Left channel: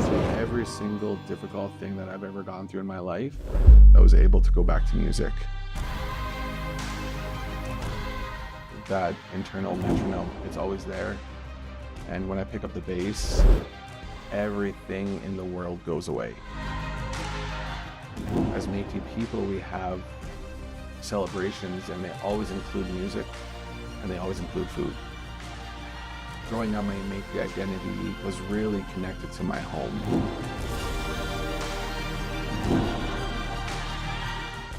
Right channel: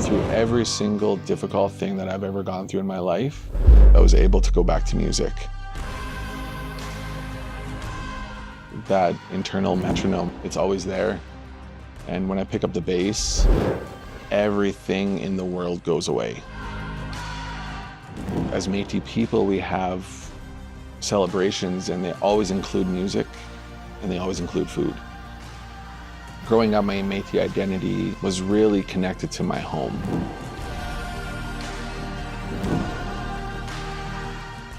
Through every single difficult thing that I've ever gone through in my life, I was able to go back to music. That internal metronome, it's always there. And when I pick up the bass, everything in the world goes away. As Métis people, we have celebrations and they always include music and they always include food. Growing up, my Métis identity was really connected to my home.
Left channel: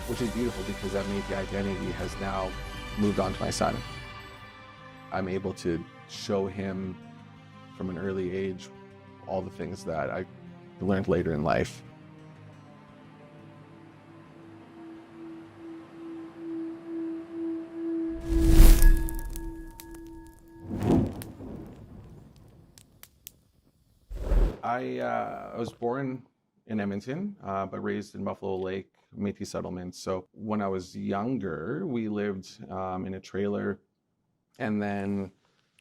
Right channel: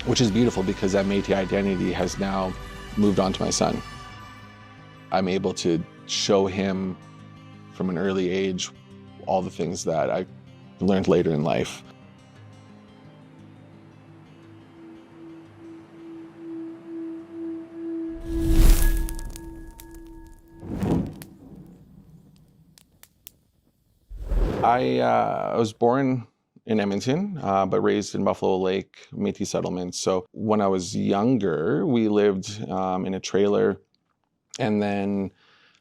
Which is beautiful because that Métis identity has now moved on to my son. I'm able to show him from an early age all the things that I learned later in life. I was born in Edmonton, but raised in Buffalo Lake, Métis settlement. So when I was younger, we lived in a trailer. And then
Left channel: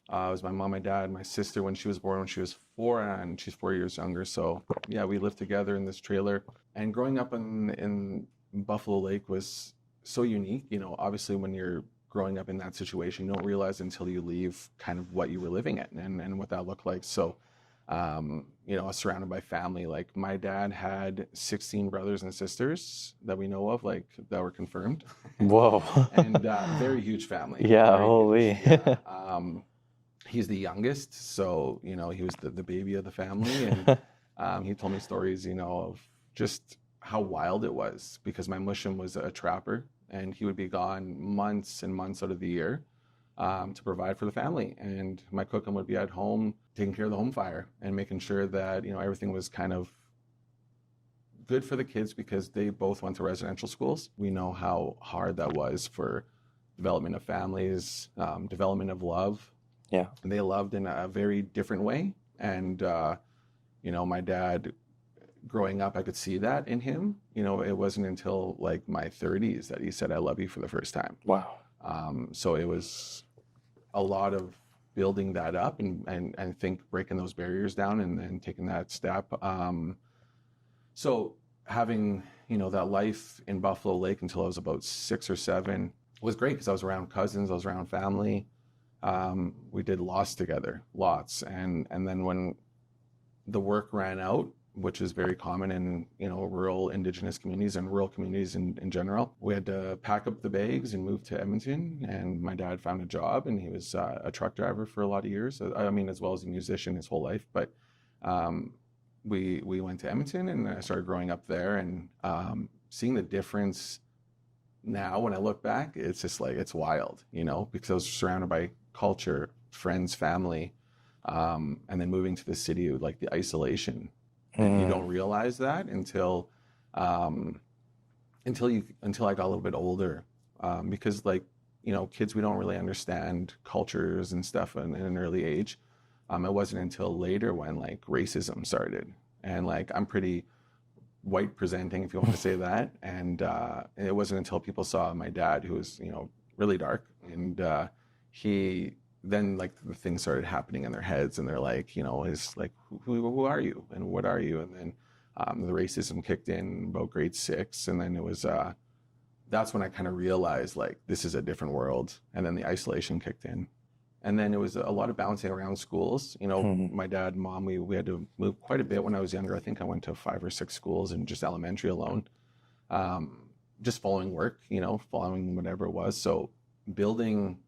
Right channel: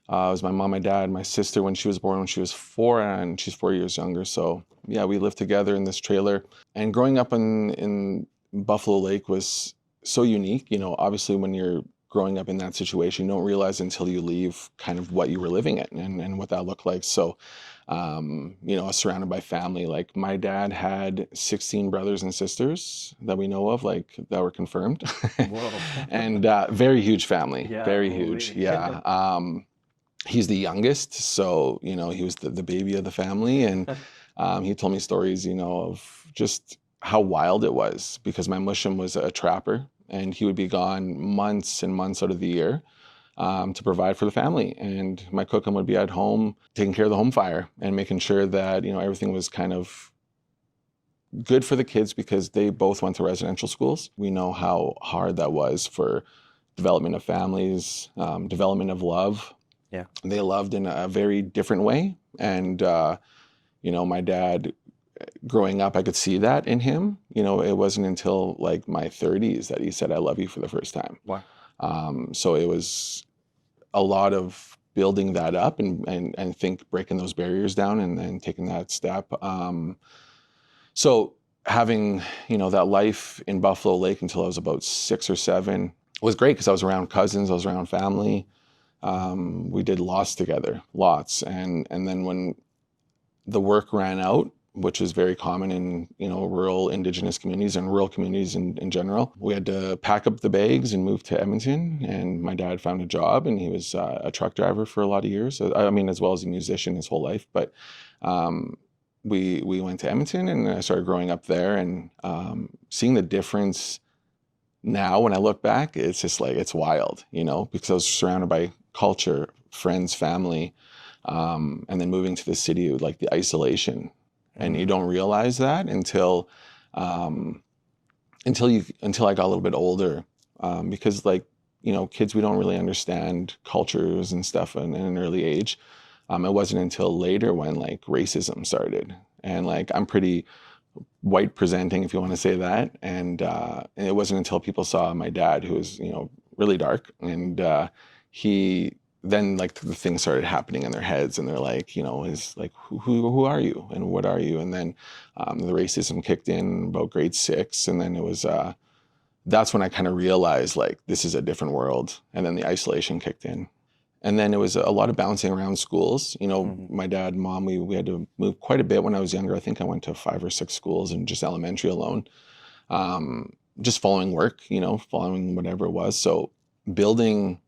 it was my mom, my dad, my sister when she was born, when she was 4, and she's 4 years younger. So yeah, we lived together in this trailer. And growing up in Buffalo Lake was so unique. You know, obviously when you're growing up in that situation, you don't realize until you leave kind of what you were living in and what that looked like. So you know, surrounded by family. Like my dad had 16 brothers and sisters that we know of, like that were confirmed. Whoa. And very huge family. Yeah, very holy. huge. Yeah. He's the youngest, so you know he was the baby of the family, and he told me stories, you know, of just how wild it was because my mushum was a trapper, and he would be gone months and months out of the year. To provide for the family, and my cookum would be at home taking care of the home fire and making sure that, you know, everything was kind of good for the kids because they both went to residential schools. We know how hard that was for development of families, development of love. Yeah. They loved in a very different way, and you know, my dad growing up, I could see that in him. You know, it wasn't until like my 30s that he said I love you for the first time. Wow. So it was a lot of building that up and think breaking those barriers down and then taking that step. So having, you know, that life in Buffalo Lake until I was about 6 or 7 was great because I was around cousins, I was around family. We did lots together, lots. And then when the work ran out, which is very common in, you know, rural Indigenous communities and rural communities in general. We had to pack up the bags and move to Edmonton, and my dad found a job, and he was a truck driver for a lot of years. I mean, as well as a musician his whole life, but we went to Edmonton, and I started growing up there, and seeing the difference now when I look back, it's just like, it's wild, you know, because I was surrounded by culture, friends, family, and then moving to the city, like the isolation. And you don't realize that until I got a little bit older, because, like, you know, kids, we don't really understand cultures and stuff in an early age. It wasn't until later when like racism started, and like I'm pretty white presenting, if you want to say that, and it wasn't until people saw my dad, who was, you know, really dark, and he. Then like the things started happening in their heads, and they're like, you know, is like, who are you and what are you? And then the racism kicked in about grade 6, and then it was that's when I kind of realized like this is a different world, and then the isolation kicked in, and then it was a lot of bouncing around schools. You know, my dad and mom, we had to move quite a bit when I was younger. I think I went to 5 or 6 schools in just elementary alone, just following work, you know, following whatever it was. So building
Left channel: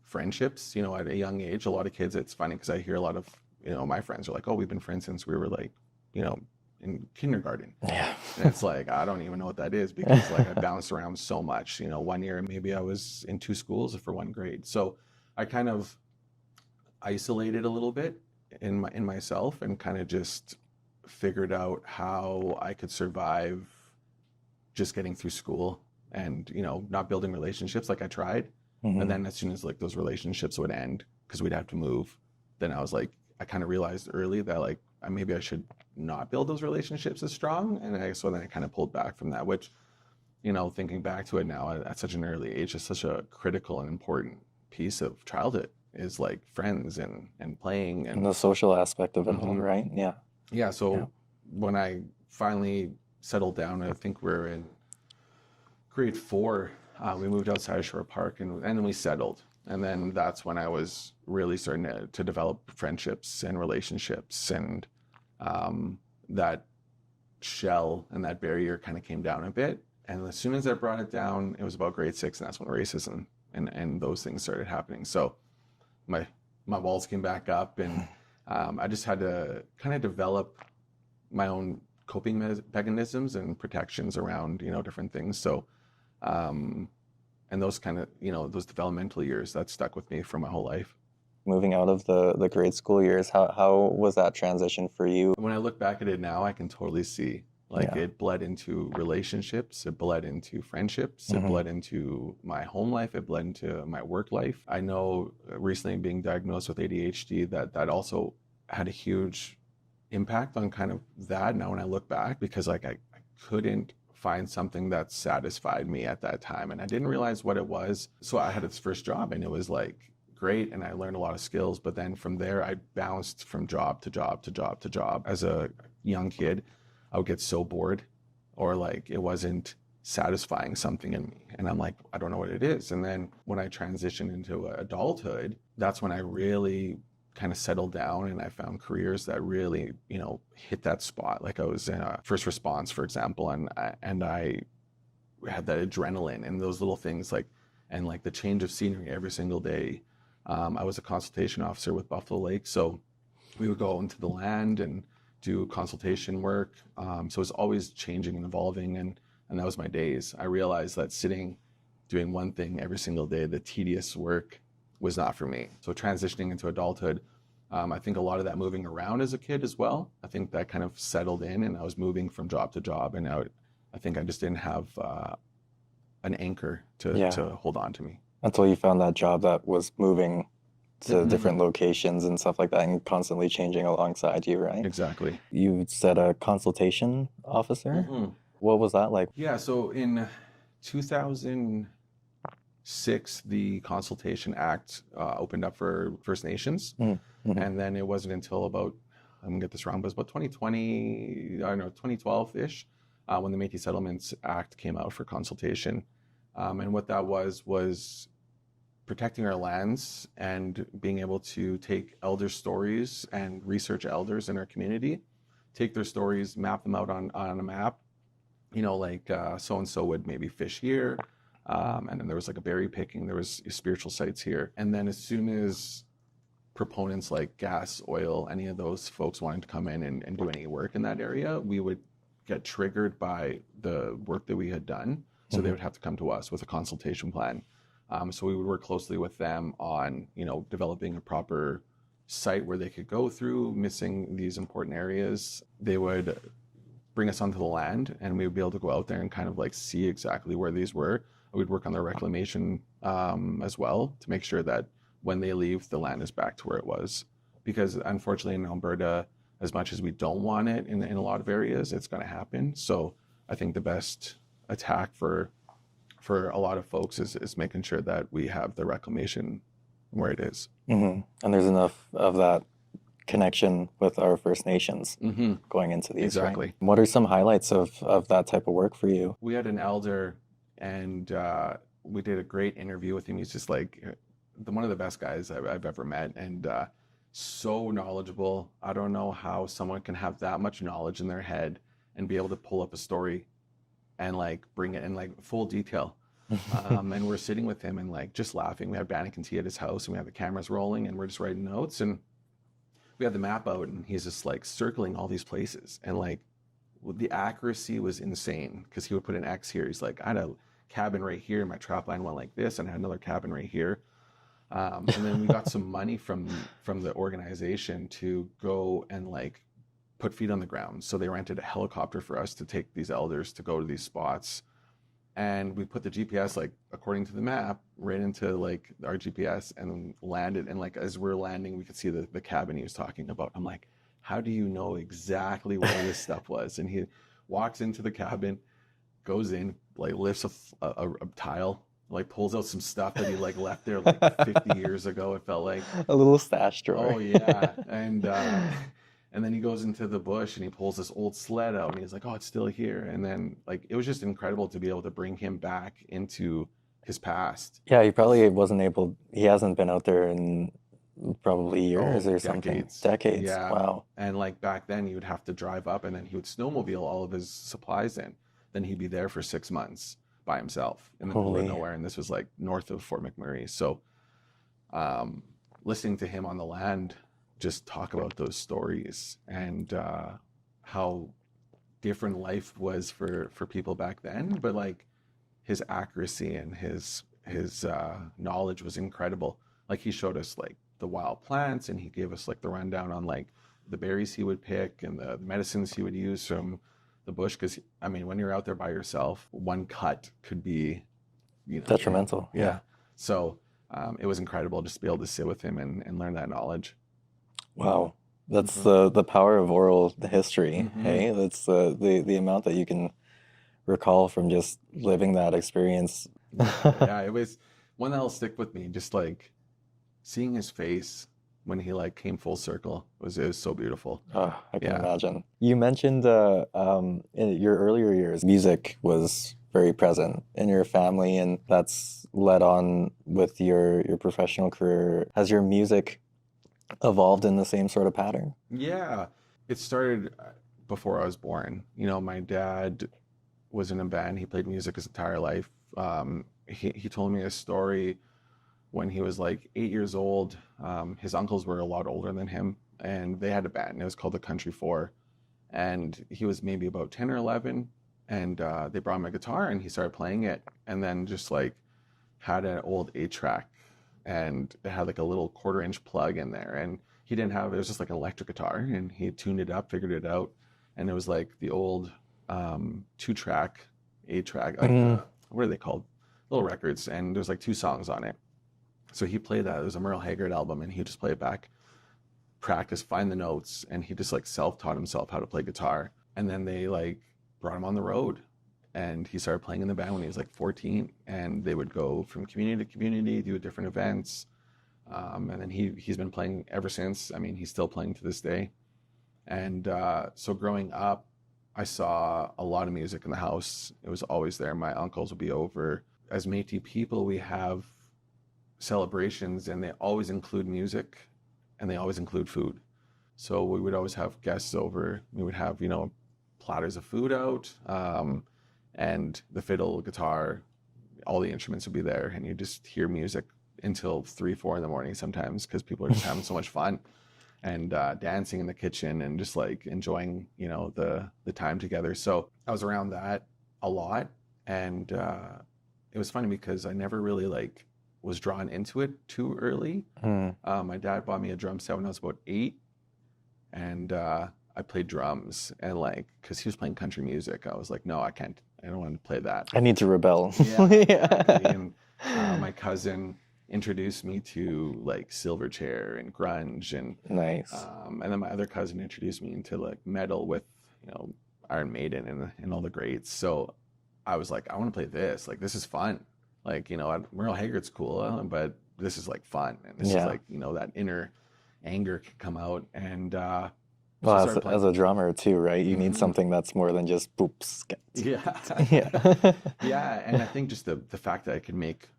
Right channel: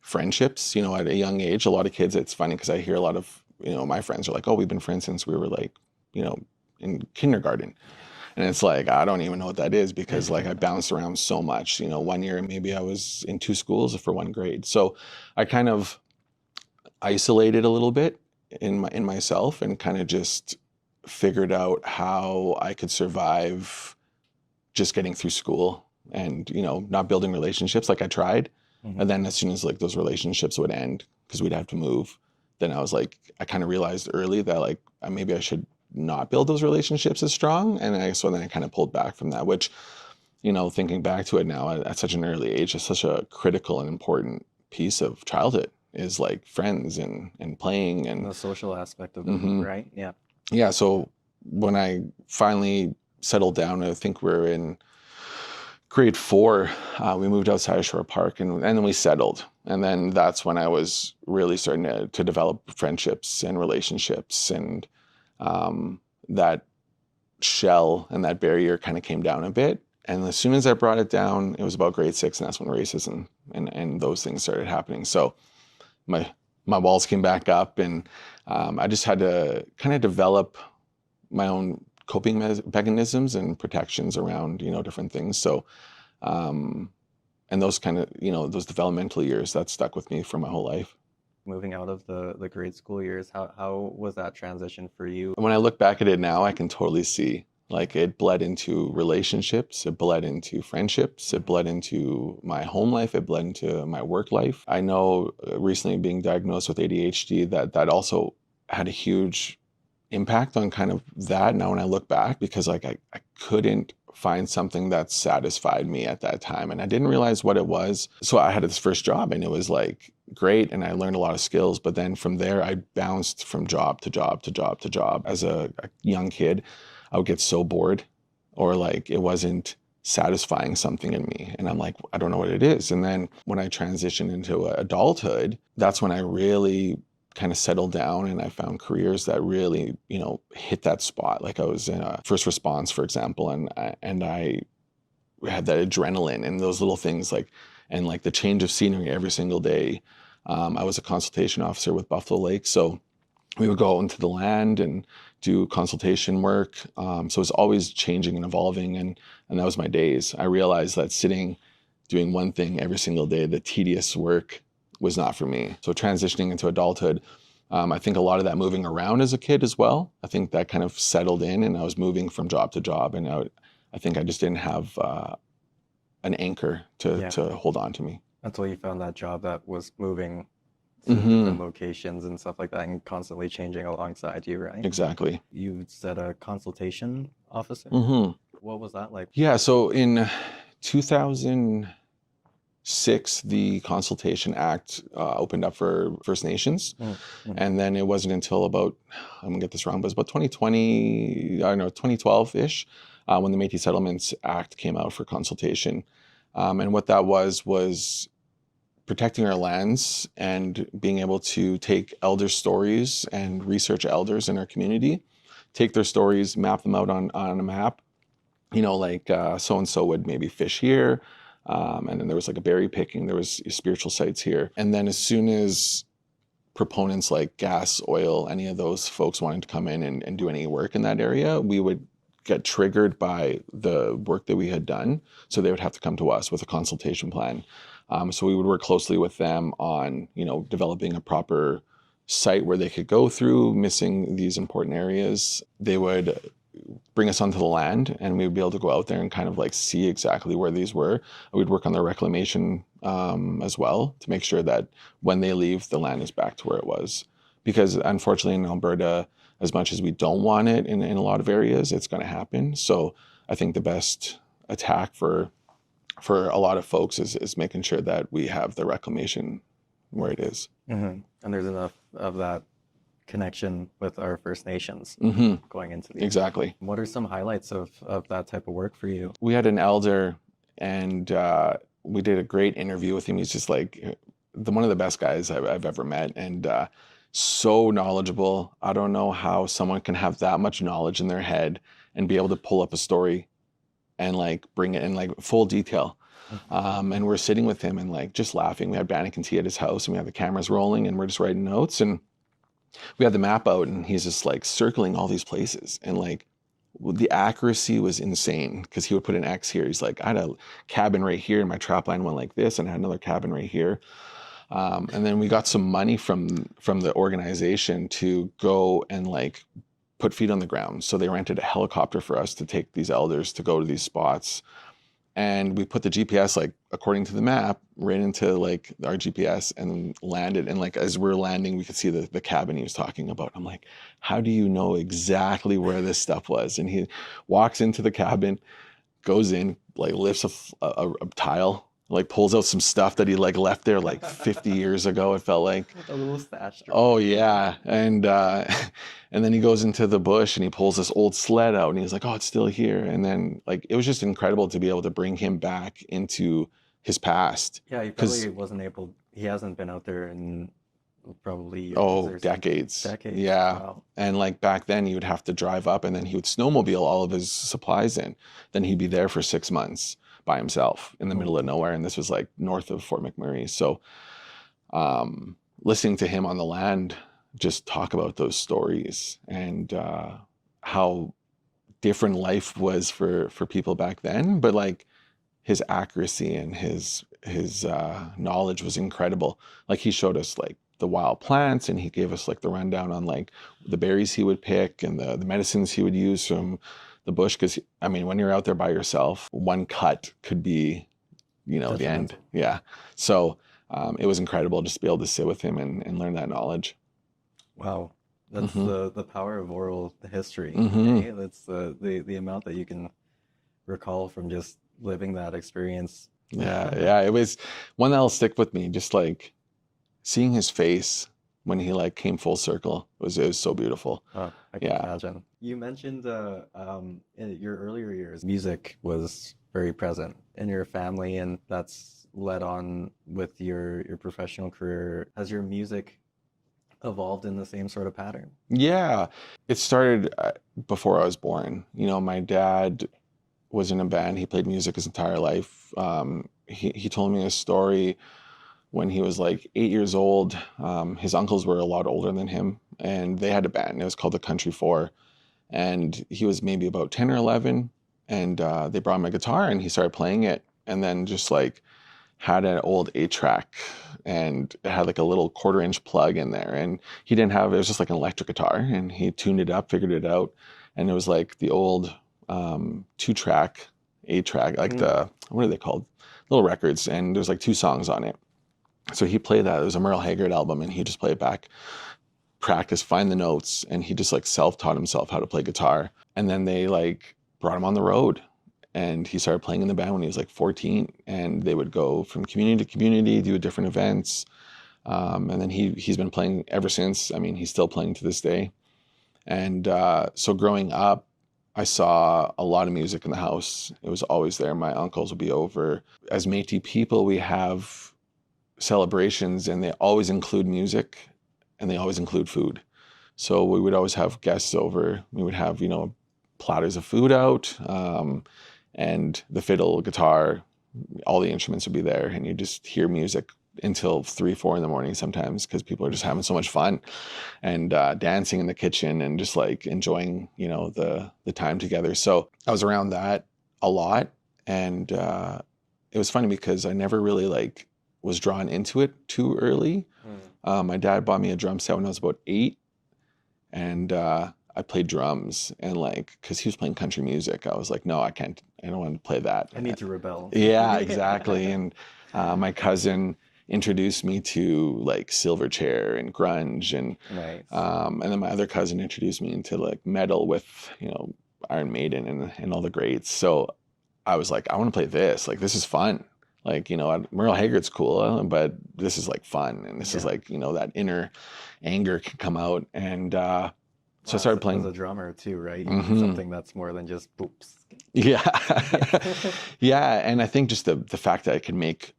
friendships, you know, at a young age. A lot of kids, it's funny because I hear a lot of, you know, my friends are like, oh, we've been friends since we were like, you know, in kindergarten. Yeah. And it's like, I don't even know what that is because like I bounced around so much. You know, one year maybe I was in 2 schools for 1 grade. So I kind of isolated a little bit in myself and kind of just figured out how I could survive just getting through school and, you know, not building relationships like I tried. And then as soon as like those relationships would end because we'd have to move, then I was like, I kind of realized early that like maybe I should not build those relationships as strong. And so then I kind of pulled back from that, which, you know, thinking back to it now at such an early age is such a critical and important piece of childhood, is like friends and playing And and the social aspect of it, Mhm. right? Yeah. yeah. So Yeah. when I finally settled down, I think we're in grade 4, we moved outside of Shore Park, and then we settled. And then that's when I was really starting to develop friendships and relationships, and that shell and that barrier kind of came down a bit. And as soon as I brought it down, it was about grade 6, and that's when racism and those things started happening. So my walls came back up, and I just had to kind of develop my own coping mechanisms and protections around, different things. So, and those kind of, those developmental years, that stuck with me for my whole life. Moving out of the grade school years, how was that transition for you? When I look back at it now, I can totally see, like, Yeah. it bled into relationships, it bled into friendships, it Mhm. bled into my home life, it bled into my work life. I know recently being diagnosed with ADHD, that also had a huge impact on kind of that now when I look back, because like I couldn't find something that satisfied me at that time, and I didn't realize what it was. So I had this first job, and it was like great, and I learned a lot of skills, but then from there I bounced from job to job to job to job. As a young kid, I would get so bored, or like it wasn't satisfying something in me, and I'm like, I don't know what it is. And then when I transitioned into adulthood, that's when I really kind of settled down, and I found careers that really, hit that spot. Like I was in a first response, for example, and I had that adrenaline and those little things, like, and like the change of scenery every single day. I was a consultation officer with Buffalo Lake, so we would go into the land and do consultation work. So it's always changing and evolving, and that was my days. I realized that sitting, doing one thing every single day, the tedious work, was not for me. So transitioning into adulthood, I think a lot of that moving around as a kid as well, I think that kind of settled in, and I was moving from job to job, and I think I just didn't have an anchor Yeah. to hold on to me. Until you found that job that was moving to different locations and stuff like that, and constantly changing alongside you, right? Exactly. You said a consultation officer? What was that like? Yeah, so in 2006, the Consultation Act opened up for First Nations. And then it wasn't until about, I'm gonna get this wrong, but it was about 2020, I don't know, 2012-ish, when the Métis Settlements Act came out for consultation. And what that was protecting our lands and being able to take elder stories and research elders in our community, take their stories, map them out on a map, like so-and-so would maybe fish here, and then there was like a berry picking, there was spiritual sites here. And then as soon as proponents like gas, oil, any of those folks wanting to come in and do any work in that area, we would get triggered by the work that we had done. So they would have to come to us with a consultation plan. So we would work closely with them on, developing a proper site where they could go through, missing these important areas. They would bring us onto the land, and we would be able to go out there and kind of like see exactly where these were. We'd work on their reclamation as well, to make sure that when they leave, the land is back to where it was. Because unfortunately in Alberta, as much as we don't want it in a lot of areas, it's going to happen. So I think the best attack for a lot of folks is making sure that we have the reclamation where it is. And there's enough of that connection with our First Nations going into these. Exactly. Right? What are some highlights of that type of work for you? We had an elder, and we did a great interview with him. He's just like one of the best guys I've ever met, and so knowledgeable. I don't know how someone can have that much knowledge in their head and be able to pull up a story and like bring it in like full detail. And we're sitting with him and like just laughing. We had Bannock and tea at his house, and we had the cameras rolling, and we're just writing notes, and we had the map out, and he's just like circling all these places, and like the accuracy was insane, because he would put an X here. He's like, I had a cabin right here, and my trap line went like this, and I had another cabin right here. And then we got some money from the organization to go and like put feet on the ground. So they rented a helicopter for us to take these elders to go to these spots. And we put the GPS, like according to the map, right into like our GPS, and landed. And like as we're landing, we could see the cabin he was talking about. I'm like, how do you know exactly where this stuff was? And he walks into the cabin, goes in, like lifts a tile, like pulls out some stuff that he like left there like 50 years ago, it felt like. A little stash drawer. Oh yeah. And and then he goes into the bush and he pulls this old sled out and he's like, oh, it's still here. And then like it was just incredible to be able to bring him back into his past. Yeah, he probably wasn't able, he hasn't been out there in probably years or something. Decades. Decades. Yeah. Wow. And like back then, you would have to drive up and then he would snowmobile all of his supplies in. Then he'd be there for 6 months by himself in the middle of nowhere. And this was like north of Fort McMurray. So listening to him on the land just talk about those stories and how different life was for people back then. But like his accuracy and his knowledge was incredible. Like he showed us like the wild plants and he gave us like the rundown on like the berries he would pick and the medicines he would use from the bush. Because I mean, when you're out there by yourself, one cut could be, you know, detrimental. Yeah. So it was incredible just to be able to sit with him and learn that knowledge. Wow. That's the power of oral history. Eh? That's the amount that you can recall from just living that experience. Yeah, it was one that'll stick with me. Just like seeing his face when he like came full circle it was so beautiful. Oh, I can imagine. You mentioned in your earlier years, music was very present in your family, and that's led on with your professional career. Has your music evolved in the same sort of pattern? Yeah, it started before I was born. You know, my dad was in a band. He played music his entire life. He told me a story when he was like 8 years old. His uncles were a lot older than him, and they had a band. It was called the Country Four, and he was maybe about 10 or 11, and they brought him a guitar, and he started playing it, and then just like had an old 8-track, and it had like a little 1/4-inch plug in there, and he didn't have, it was just like an electric guitar, and he tuned it up, figured it out, and it was like the old 2-track, 8-track, like the, what are they called? Little records, and there's like 2 songs on it. So he played that. It was a Merle Haggard album, and he just played it back, practice, find the notes, and he just like self-taught himself how to play guitar. And then they like brought him on the road, and he started playing in the band when he was like 14, and they would go from community to community, do different events. And then he's been playing ever since. I mean, he's still playing to this day. And so growing up, I saw a lot of music in the house. It was always there. My uncles would be over. As Métis people, we have celebrations, and they always include music, and they always include food. So we would always have guests over. We would have, you know, platters of food out, and the fiddle, guitar, all the instruments would be there, and you just hear music until 3, 4 in the morning sometimes, because people are just having so much fun and dancing in the kitchen and just like enjoying, you know, the time together. So I was around that a lot, and it was funny because I never really like was drawn into it too early. My dad bought me a drum set when I was about 8, and I played drums, and like, because he was playing country music, I was like, no, I can't, I don't want to play that. I need to rebel. Yeah, exactly. And my cousin introduced me to like Silverchair and grunge, and Nice. and then my other cousin introduced me into like metal with, you know, Iron Maiden and all the greats. So I was like, I want to play this. Like, this is fun. Like, you know, Merle Haggard's cool, but this is like fun, and this is like, you know, that inner anger can come out. And so I started playing as a drummer too, right? You need something that's more than just boops. Yeah. Yeah. And I think just the fact that I could make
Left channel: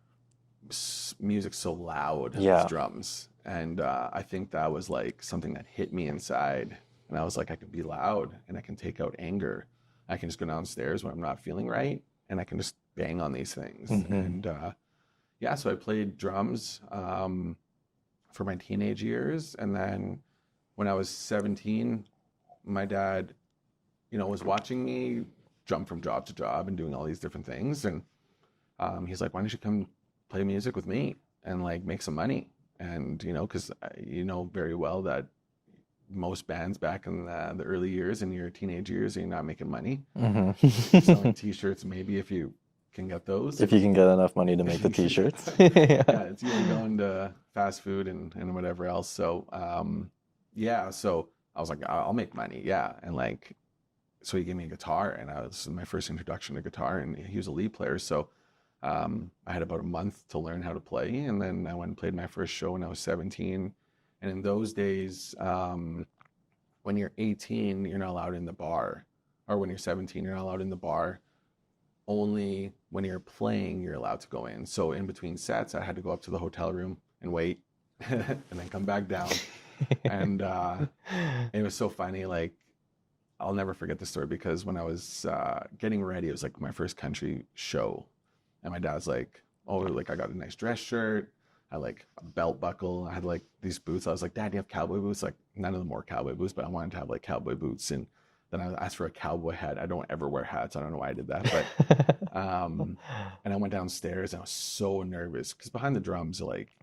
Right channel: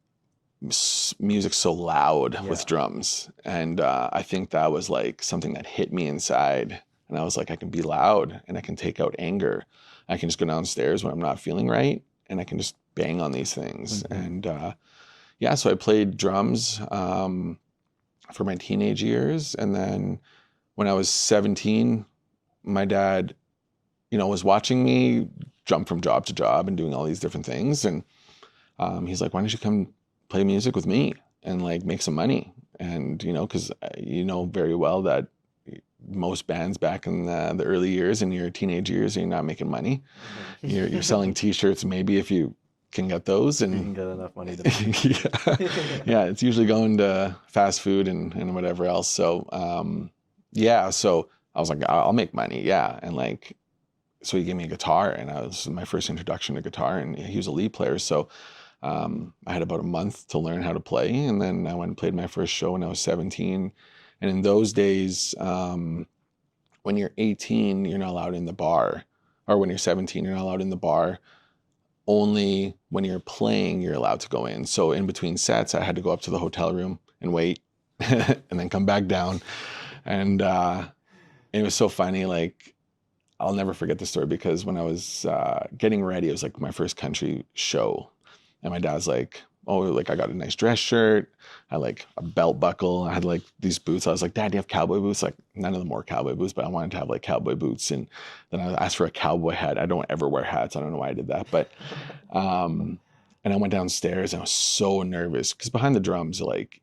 music so loud with drums, and I think that was like something that hit me inside, and I was like, I can be loud, and I can take out anger. I can just go downstairs when I'm not feeling right, and I can just bang on these things. And yeah, so I played drums for my teenage years, and then when I was 17, my dad, you know, was watching me jump from job to job and doing all these different things. And he's like, why don't you come play music with me and like make some money? And, you know, because you know very well that most bands back in the early years, in your teenage years, you're not making money. You're selling T-shirts, maybe, if you can get those. If you can get enough money to make the T-shirts. Yeah, it's usually going to fast food and whatever else. So yeah, so I was like, I'll make money. Yeah. And like, so he gave me a guitar, and I was my first introduction to guitar, and he was a lead player. So I had about a month to learn how to play, and then I went and played my first show when I was 17. And in those days, when you're 18, you're not allowed in the bar, or when you're 17, you're not allowed in the bar. Only when you're playing, you're allowed to go in. So in between sets, I had to go up to the hotel room and wait, and then come back down. And it was so funny. Like, I'll never forget the story, because when I was getting ready, it was like my first country show. And my dad's like, oh, like I got a nice dress shirt. I had like a belt buckle. I had like these boots. I was like, Dad, do you have cowboy boots? Like, none of them were cowboy boots, but I wanted to have like cowboy boots. And then I asked for a cowboy hat. I don't ever wear hats. I don't know why I did that. But, and I went downstairs and I was so nervous, because behind the drums, like,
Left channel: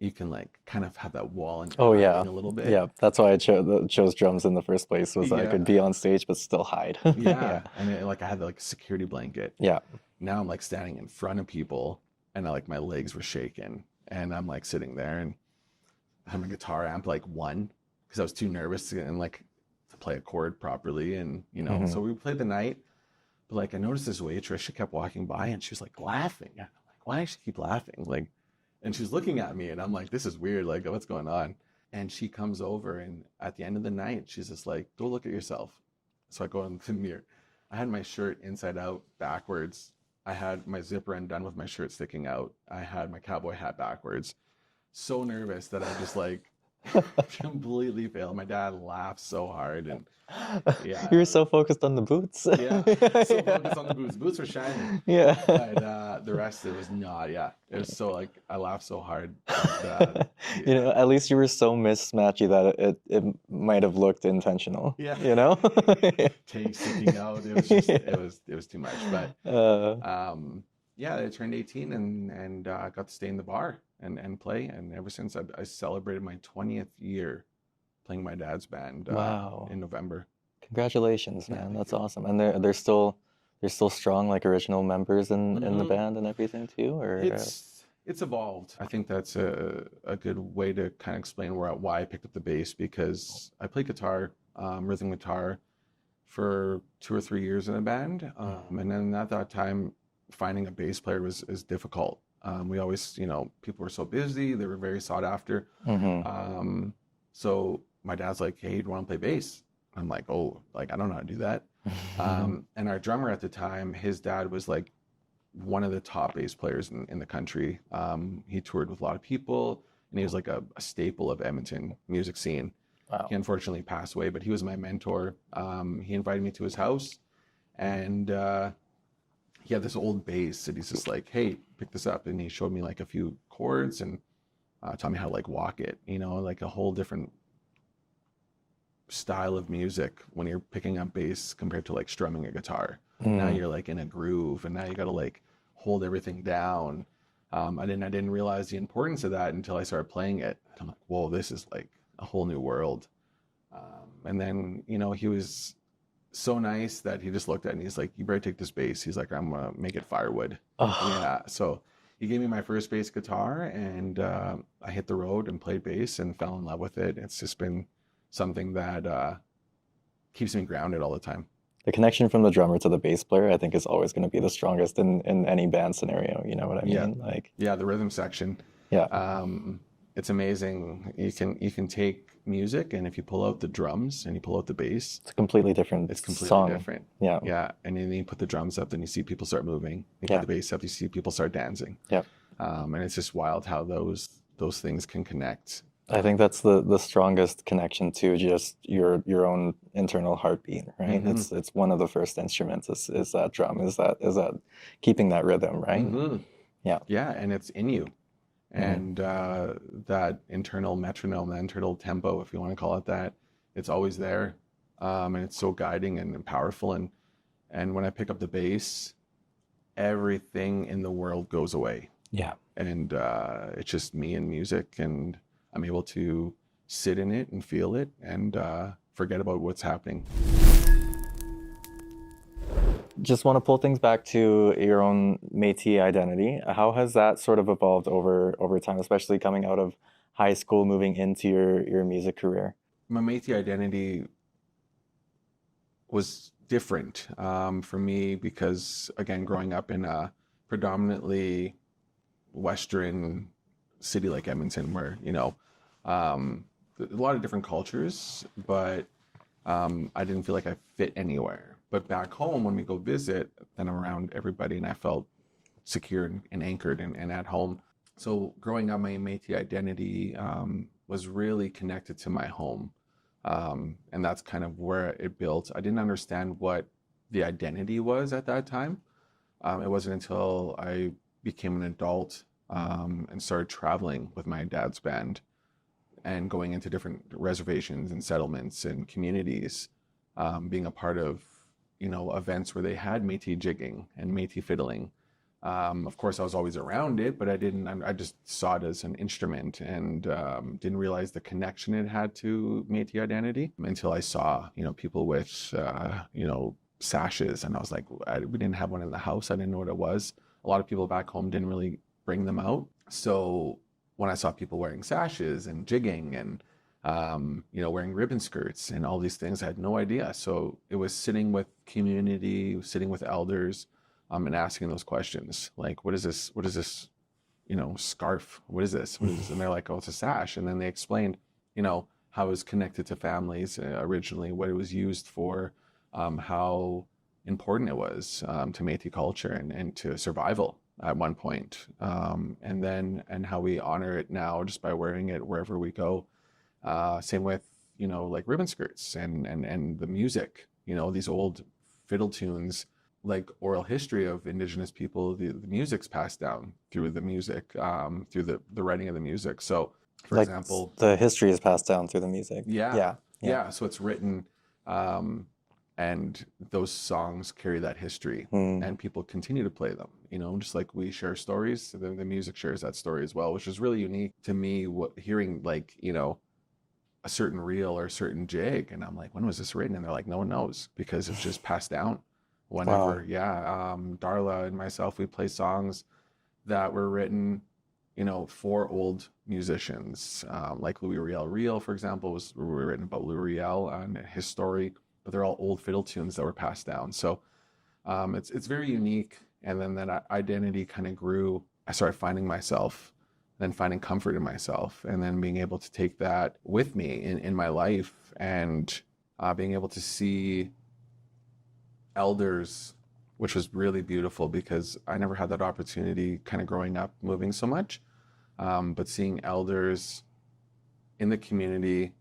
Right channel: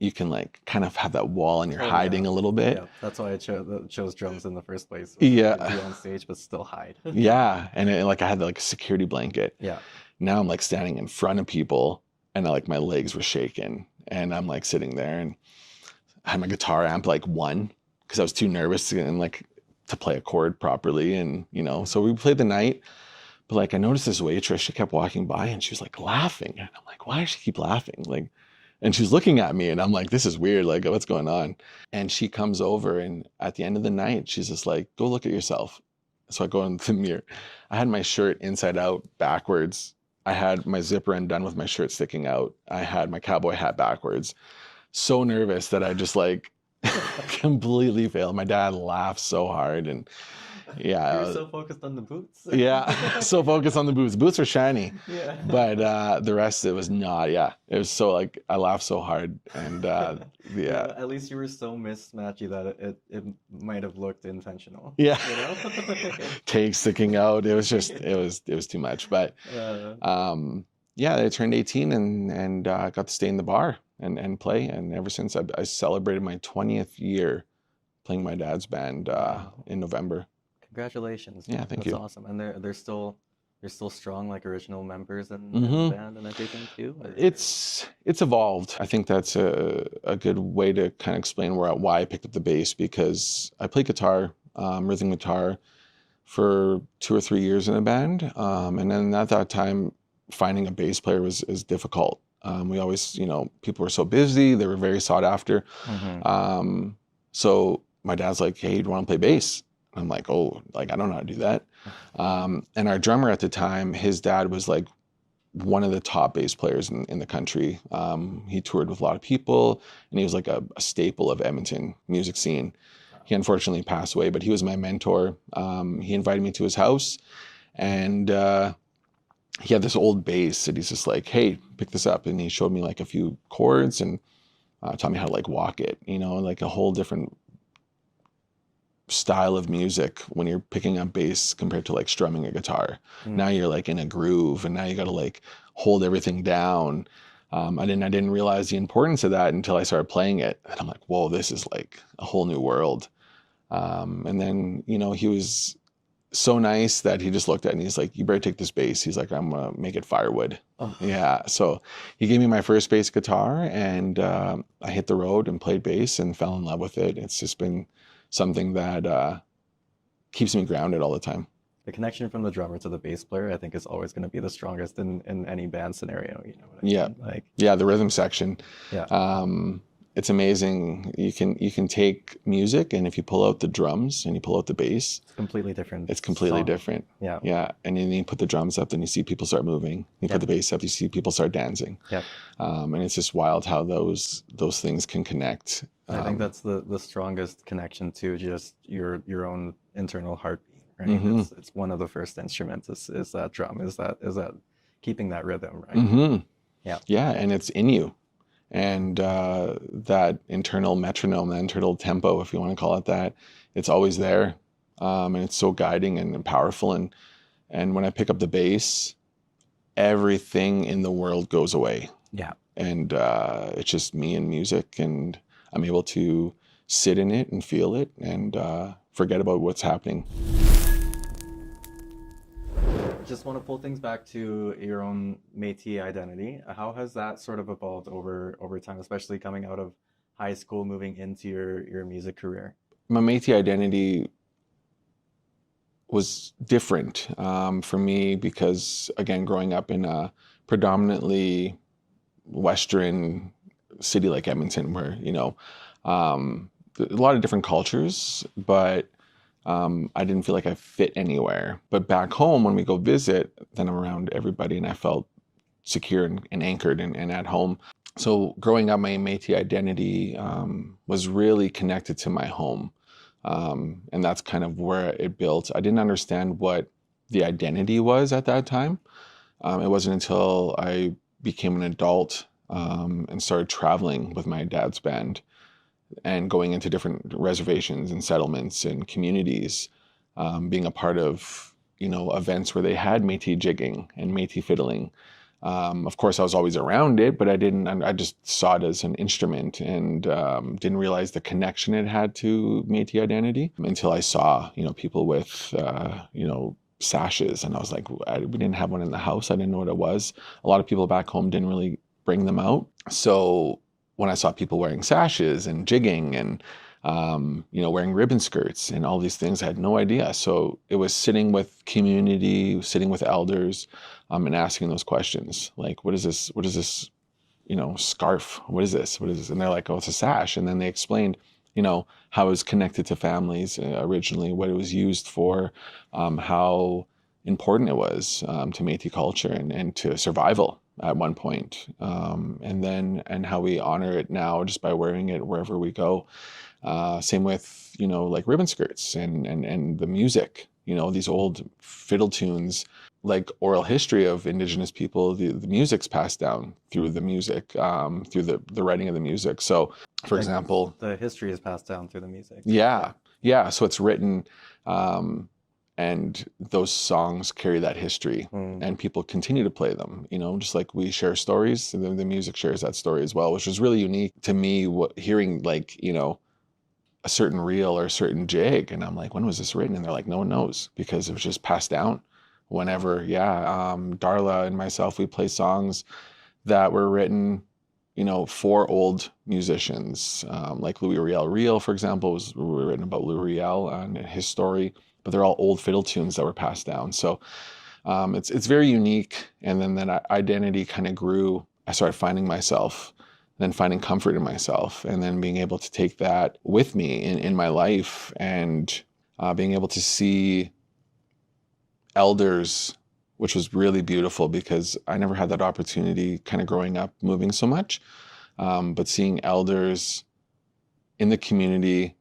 you can like kind of have that wall and you're hiding a little bit. Yeah, that's why I chose drums in the first place, was so I could be on stage but still hide. Yeah, and like I had like a security blanket. Yeah. Now I'm like standing in front of people, and like my legs were shaking, and I'm like sitting there, and I had my guitar amp like one, because I was too nervous to play a chord properly, and so we played the night. But like I noticed this waitress, she kept walking by and she was like laughing, and I'm like, why does she keep laughing? Like, and she's looking at me, and I'm like, this is weird. Like, what's going on? And she comes over, and at the end of the night, she's just like, go look at yourself. So I go in the mirror. I had my shirt inside out, backwards. I had my zipper undone with my shirt sticking out. I had my cowboy hat backwards. So nervous that I just like completely failed. My dad laughed so hard, and yeah, you were so focused on the boots. Yeah, so focused on the boots. Boots are shiny. Yeah, but the rest, it was not. Yeah, it was so like I laughed so hard. And, yeah, at least you were so mismatchy that it might have looked intentional. Yeah, tape sticking out. It was just it was too much. But yeah, I turned 18 and got to stay in the bar and play. And ever since, I celebrated my 20th year playing my dad's band in November. Congratulations! Yeah, man. thank That's you. Awesome. And they're still strong, like original members in the band and everything too. Or it's evolved. I think that's a good way to kind of explain why I picked up the bass, because I played guitar, rhythm guitar, for 2 or 3 years in a band, and then at that time, finding a bass player is difficult. We always, people were so busy, they were very sought after. So my dad's like, hey, do you want to play bass? I'm like, oh, like I don't know how to do that. And our drummer at the time, his dad was like one of the top bass players in the country. He toured with a lot of people, and he was like a staple of Edmonton music scene. Wow. He unfortunately passed away, but he was my mentor. He invited me to his house, and he had this old bass, and he's just like, hey, pick this up. And he showed me like a few chords and taught me how to like walk it, like a whole different style of music when you're picking up bass compared to like strumming a guitar. Now you're like in a groove, and now you got to like hold everything down. I didn't realize the importance of that until I started playing it, and I'm like, whoa, this is like a whole new world. And then he was so nice that he just looked at it and he's like, you better take this bass. He's like, I'm gonna make it firewood. Yeah, so he gave me my first bass guitar, and I hit the road and played bass and fell in love with it. It's just been something that keeps me grounded all the time. The connection from the drummer to the bass player, I think, is always going to be the strongest in any band scenario. You know what I mean? Like, yeah, the rhythm section. Yeah. It's amazing. You can take music, and if you pull out the drums and you pull out the bass, it's completely different. It's completely different. Yeah. Yeah. And then you put the drums up, then you see people start moving. You put the bass up, you see people start dancing. Yeah. And it's just wild how those things can connect. I think that's the strongest connection to just your own internal heartbeat, right? It's one of the first instruments is that drum, is that keeping that rhythm, right? Yeah. Yeah, and it's in you. And that internal metronome, that internal tempo, if you want to call it that, it's always there. And it's so guiding and powerful. And when I pick up the bass, everything in the world goes away. Yeah. And it's just me and music, and I'm able to sit in it and feel it and forget about what's happening. Just want to pull things back to your own Métis identity. How has that sort of evolved over time, especially coming out of high school, moving into your music career? My Métis identity was different for me because, again, growing up in a predominantly Western city like Edmonton, where, a lot of different cultures, but I didn't feel like I fit anywhere. But back home, when we go visit, then I'm around everybody and I felt secure and anchored and at home. So growing up, my Métis identity was really connected to my home. And that's kind of where it built. I didn't understand what the identity was at that time. It wasn't until I became an adult and started traveling with my dad's band and going into different reservations and settlements and communities, being a part of, events where they had Métis jigging and Métis fiddling. Of course, I was always around it, but I just saw it as an instrument and didn't realize the connection it had to Métis identity until I saw, people with, sashes. And I was like, we didn't have one in the house. I didn't know what it was. A lot of people back home didn't really bring them out. So when I saw people wearing sashes and jigging and, wearing ribbon skirts and all these things, I had no idea. So it was sitting with community, sitting with elders, and asking those questions. Like, what is this? What is this, scarf? What is this? What is this? And they're like, oh, it's a sash. And then they explained, how it was connected to families originally, what it was used for, how important it was to Métis culture and to survival at one point, and how we honor it now just by wearing it wherever we go. Same with, like ribbon skirts and the music, these old fiddle tunes, like oral history of Indigenous people, the music's passed down through the music, through the writing of the music. So, for example, the history is passed down through the music. Yeah. So it's written, and those songs carry that history, and people continue to play them. Just like we share stories, the music shares that story as well, which is really unique to me. Hearing like a certain reel or a certain jig, and I'm like, when was this written? And they're like, no one knows because it was just passed down. Whenever, Darla and myself, we play songs that were written, for old musicians, like Louis Riel, for example, was written about Louis Riel and his story, but they're all old fiddle tunes that were passed down. So it's very unique. And then that identity kind of grew. I started finding myself, then finding comfort in myself, and then being able to take that with me in my life, and being able to see elders, which was really beautiful because I never had that opportunity kind of growing up moving so much, but seeing elders in the community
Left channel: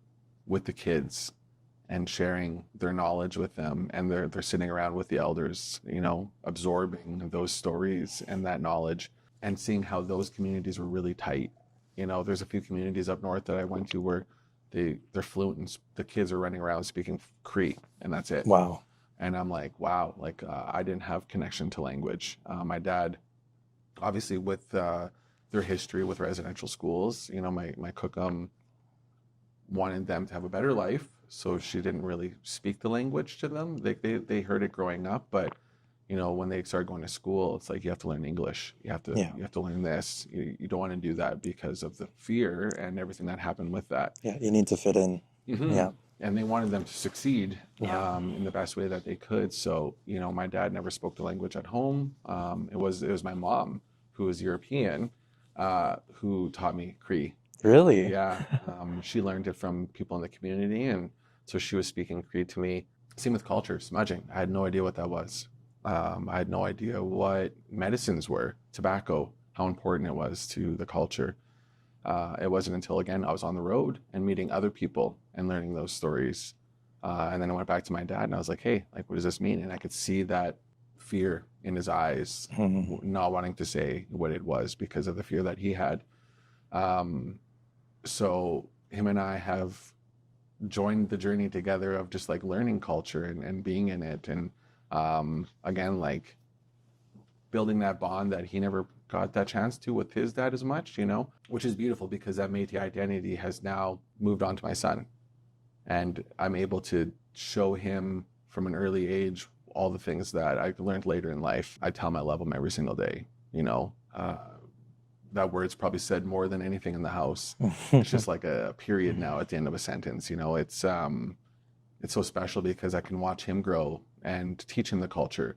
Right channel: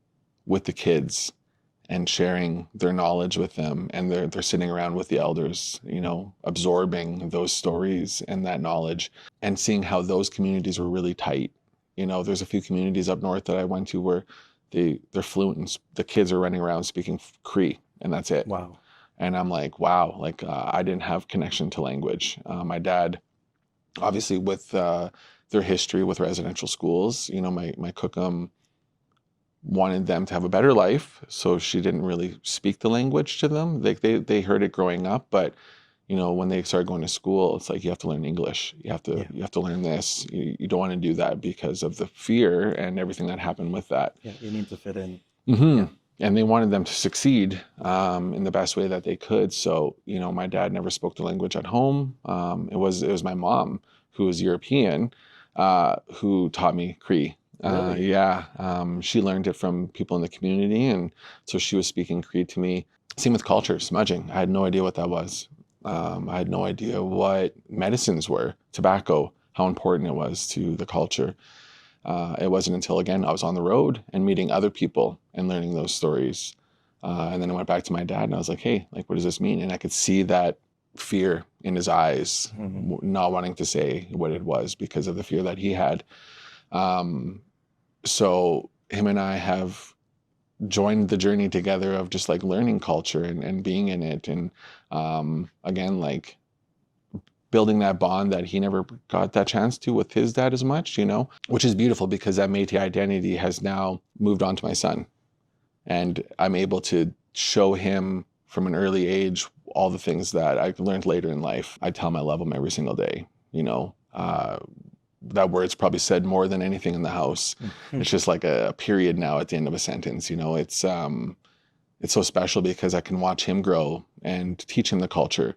with the kids and sharing their knowledge with them, and they're sitting around with the elders, absorbing those stories and that knowledge, and seeing how those communities were really tight. There's a few communities up north that I went to where they're fluent and the kids are running around speaking Cree, and that's it. Wow. And I'm like, wow, I didn't have connection to language. My dad, obviously with their history with residential schools, my cookum wanted them to have a better life. So she didn't really speak the language to them. They heard it growing up, but when they started going to school, it's like, you have to learn English. You have to learn this. You don't want to do that because of the fear and everything that happened with that. Yeah, you need to fit in. Mm-hmm. Yeah. And they wanted them to succeed in the best way that they could. So, my dad never spoke the language at home. It was my mom, who was European, who taught me Cree. Really? Yeah. She learned it from people in the community. And so she was speaking Cree to me. Same with culture, smudging. I had no idea what that was. I had no idea what medicines were, tobacco, how important it was to the culture. It wasn't until, again, I was on the road and meeting other people and learning those stories. And then I went back to my dad and I was like, hey, what does this mean? And I could see that fear in his eyes, not wanting to say what it was because of the fear that he had. So him and I have joined the journey together of just learning culture and being in it. And again, building that bond that he never got that chance to with his dad as much, which is beautiful because that Métis identity has now moved on to my son. And I'm able to show him from an early age all the things that I learned later in life. I tell him I love him every single day, that word's probably said more than anything in the house. It's just like a period now at the end of a sentence. It's so special because I can watch him grow and teach him the culture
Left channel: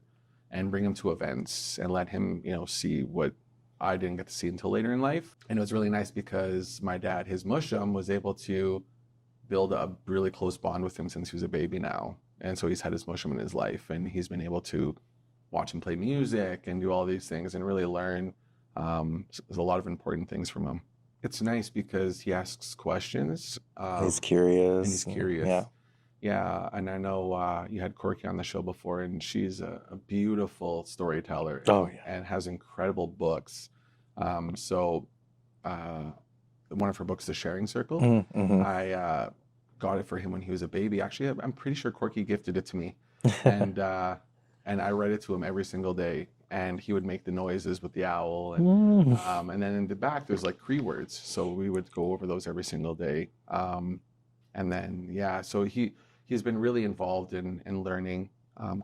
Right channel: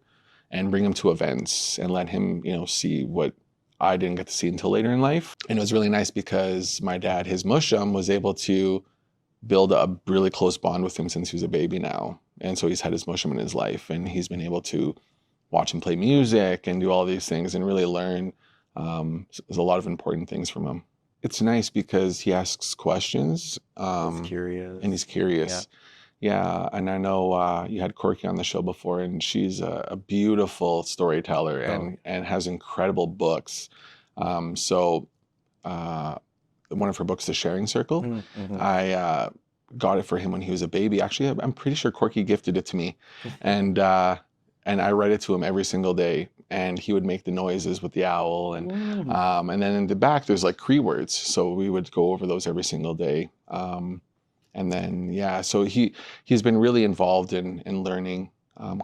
and bring him to events and let him, see what I didn't get to see until later in life. And it was really nice because my dad, his mushum, was able to build a really close bond with him since he was a baby now. And so he's had his mushum in his life, and he's been able to watch him play music and do all these things and really learn. There's a lot of important things from him. It's nice because he asks questions. He's curious. And he's curious. Yeah. And I know you had Corky on the show before, and she's a beautiful storyteller and has incredible books. So one of her books, The Sharing Circle, Mm-hmm. I got it for him when he was a baby. Actually, I'm pretty sure Corky gifted it to me. And I read it to him every single day. And he would make the noises with the owl. And and then in the back, there's like Cree words. So we would go over those every single day. And then, so he's been really involved in learning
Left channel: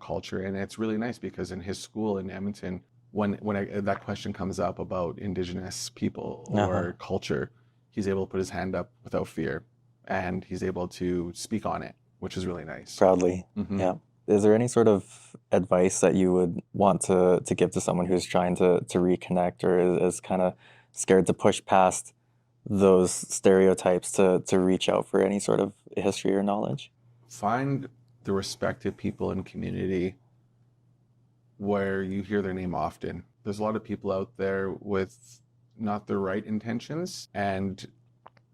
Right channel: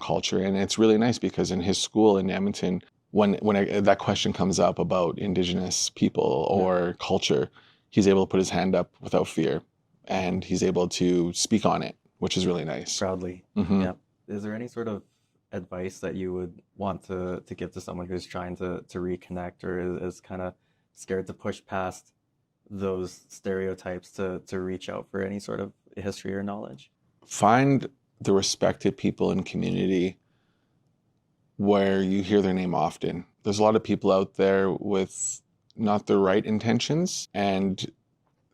culture. And it's really nice because in his school in Edmonton, when that question comes up about Indigenous people or culture, he's able to put his hand up without fear. And he's able to speak on it, which is really nice. Proudly. Mm-hmm. Yeah. Is there any sort of advice that you would want to give to someone who's trying to reconnect or is kind of scared to push past those stereotypes to reach out for any sort of history or knowledge? Find the respected people in community where you hear their name often. There's a lot of people out there with not the right intentions, and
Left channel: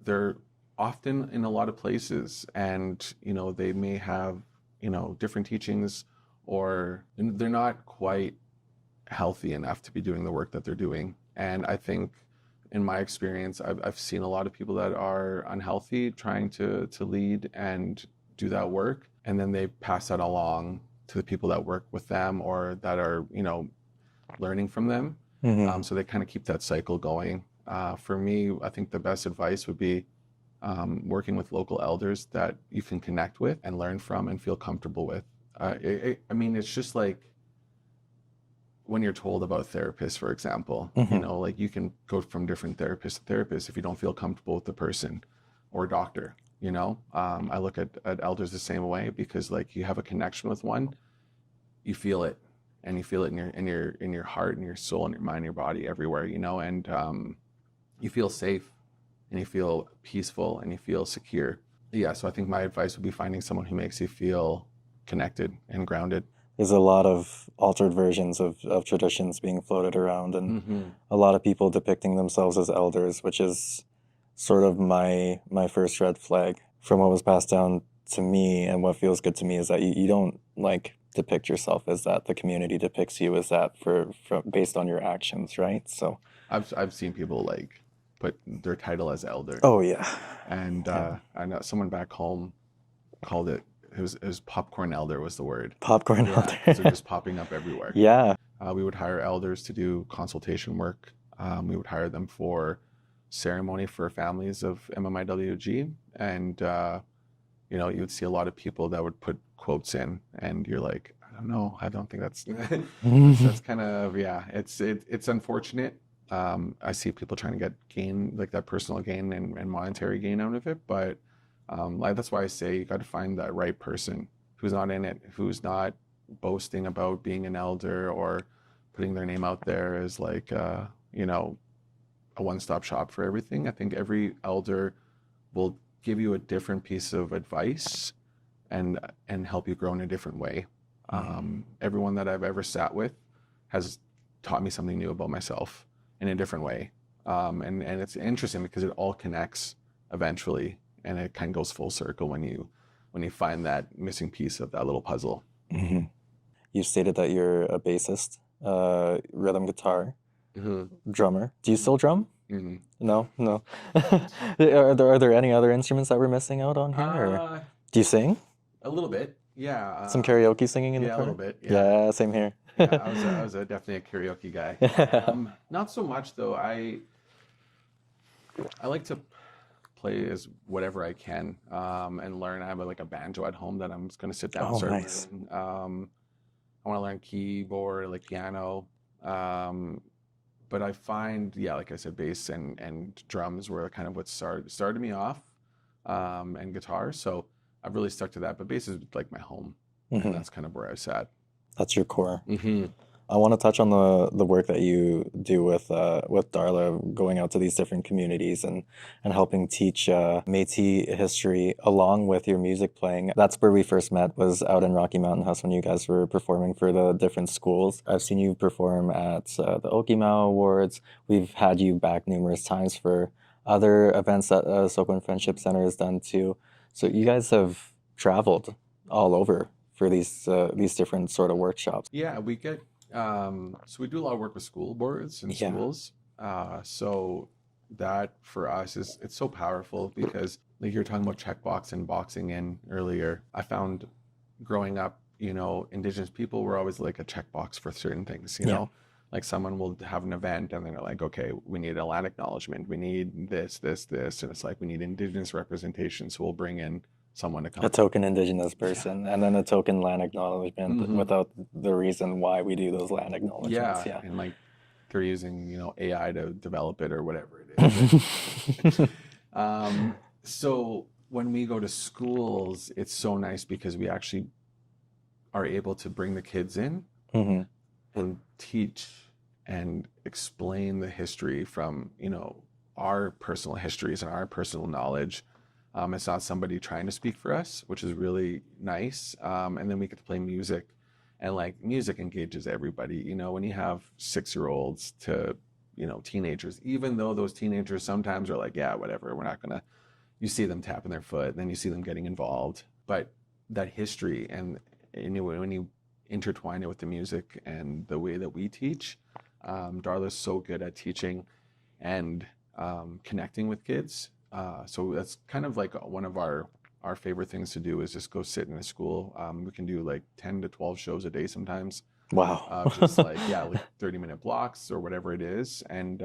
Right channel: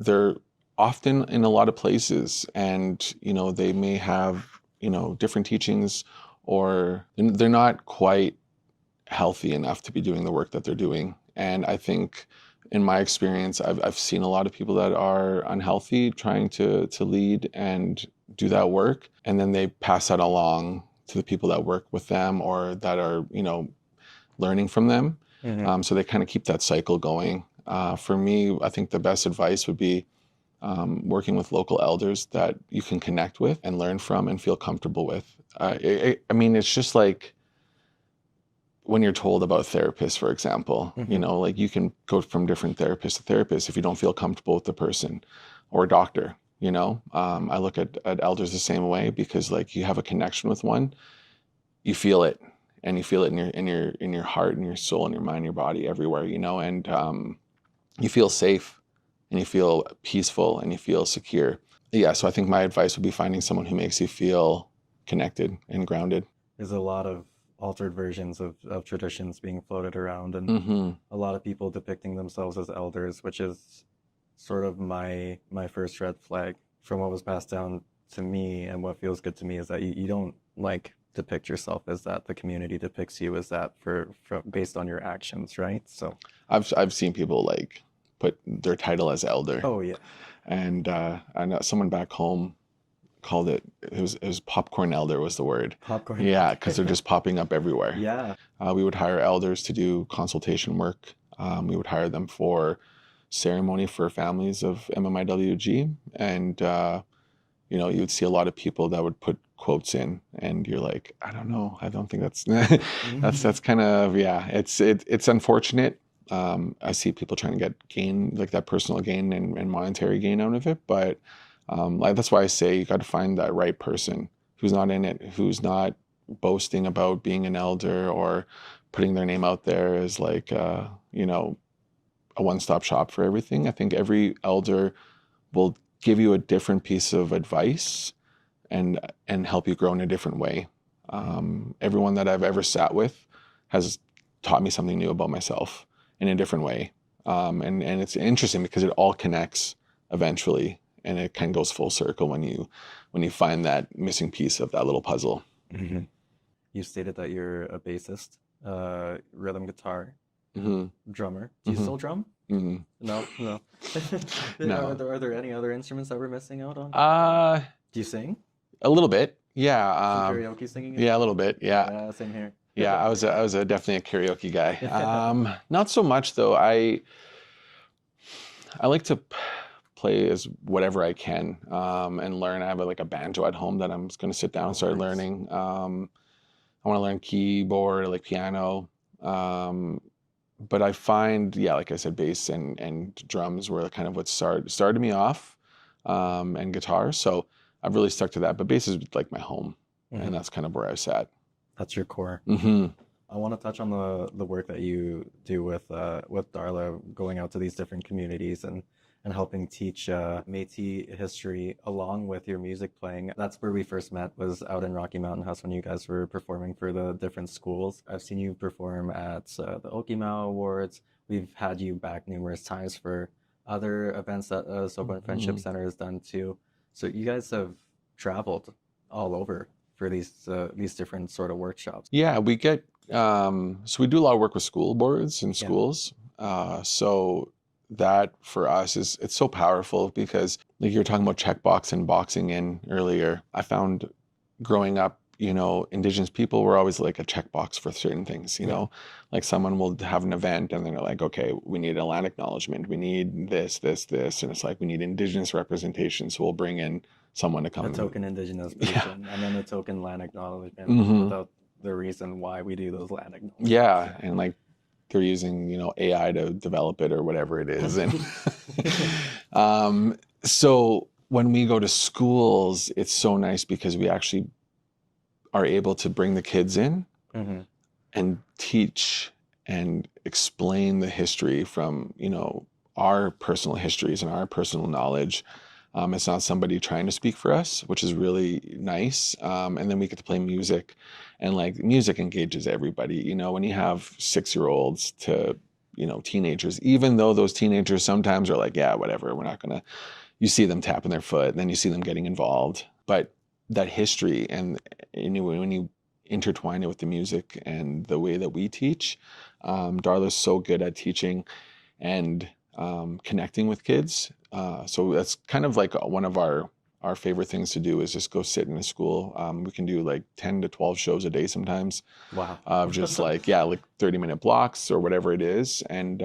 they're often in a lot of places, and they may have different teachings, or they're not quite healthy enough to be doing the work that they're doing. And I think in my experience, I've seen a lot of people that are unhealthy trying to lead and do that work, and then they pass that along to the people that work with them or that are learning from them. Mm-hmm. So they kind of keep that cycle going. For me, I think the best advice would be working with local elders that you can connect with and learn from and feel comfortable with. It's just like when you're told about therapists, for example, like you can go from different therapist to therapist if you don't feel comfortable with the person, or doctor. I look at elders the same way, because like you have a connection with one, you feel it, and you feel it in your heart and your soul and your mind, your body, everywhere, and you feel safe and you feel peaceful and you feel secure. Yeah. So I think my advice would be finding someone who makes you feel connected and grounded. There's a lot of altered versions of traditions being floated around, and a lot of people depicting themselves as elders, which is sort of my first red flag from what was passed down to me. And what feels good to me is that you don't like depict yourself as that. The community depicts you as that based on your actions, right? So I've seen people like put their title as elder. Oh yeah. And I know someone back home called it was popcorn elder was the word. Popcorn elder. Yeah, because they're just popping up everywhere. Yeah. We would hire elders to do consultation work. We would hire them for ceremony for families of MMIWG, and you would see a lot of people that would put quotes in, and you're like, I don't know, I don't think that's that's kind of it's unfortunate. I see people trying to get gain, like that personal gain and monetary gain out of it, but that's why I say you got to find that right person who's not in it, who's not boasting about being an elder or putting their name out there as like a one-stop shop for everything. I think every elder will give you a different piece of advice and help you grow in a different way. Everyone that I've ever sat with has taught me something new about myself in a different way. And it's interesting because it all connects eventually, and it kind of goes full circle when you find that missing piece of that little puzzle. Mm-hmm. You stated that you're a bassist, rhythm guitar, drummer. Do you still drum? Mm-hmm. No. No. Are there any other instruments that we're missing out on here? Do you sing? A little bit, yeah. Some karaoke singing? In the a car? little bit, yeah. Yeah, same here. Yeah, I was definitely a karaoke guy. Not so much though. I like to play as whatever I can and learn. I have a banjo at home that I'm just going to sit down and start learning. I want to learn keyboard, like piano. But I find, like I said, bass and drums were kind of what started me off, and guitar. So I've really stuck to that. But bass is like my home, and that's kind of where I was at. That's your core. Hmm. I want to touch on the work that you do with Darla, going out to these different communities and helping teach Métis history along with your music playing. That's where we first met, was out in Rocky Mountain House when you guys were performing for the different schools. I've seen you perform at the Okimaw Awards. We've had you back numerous times for other events that Soquin Friendship Center has done too. So you guys have traveled all over for these different sort of workshops. Yeah, we get so we do a lot of work with school boards and Yeah. schools. So that for us it's so powerful because like you were talking about checkbox and boxing in earlier. I found growing up, Indigenous people were always like a checkbox for certain things, Yeah. like someone will have an event and then they're like, okay, we need a land acknowledgement. We need this. And it's like, we need Indigenous representation. So we'll bring in someone to come. A token Indigenous person, and then a token land acknowledgement Mhm. without the reason why we do those land acknowledgements. Yeah. And like they're using, AI to develop it or whatever it is. And, so when we go to schools, it's so nice because we actually are able to bring the kids in Hmm. and teach and explain the history from, our personal histories and our personal knowledge. It's not somebody trying to speak for us, which is really nice. And then we get to play music, and like music engages everybody. When you have 6-year-olds to, teenagers, even though those teenagers sometimes are like, yeah, whatever, we're not gonna, you see them tapping their foot, and then you see them getting involved. But that history and when you intertwine it with the music and the way that we teach, Darla's so good at teaching and connecting with kids. So that's kind of like one of our favorite things to do is just go sit in a school. We can do like 10 to 12 shows a day sometimes. Wow. Just like 30-minute blocks or whatever it is. And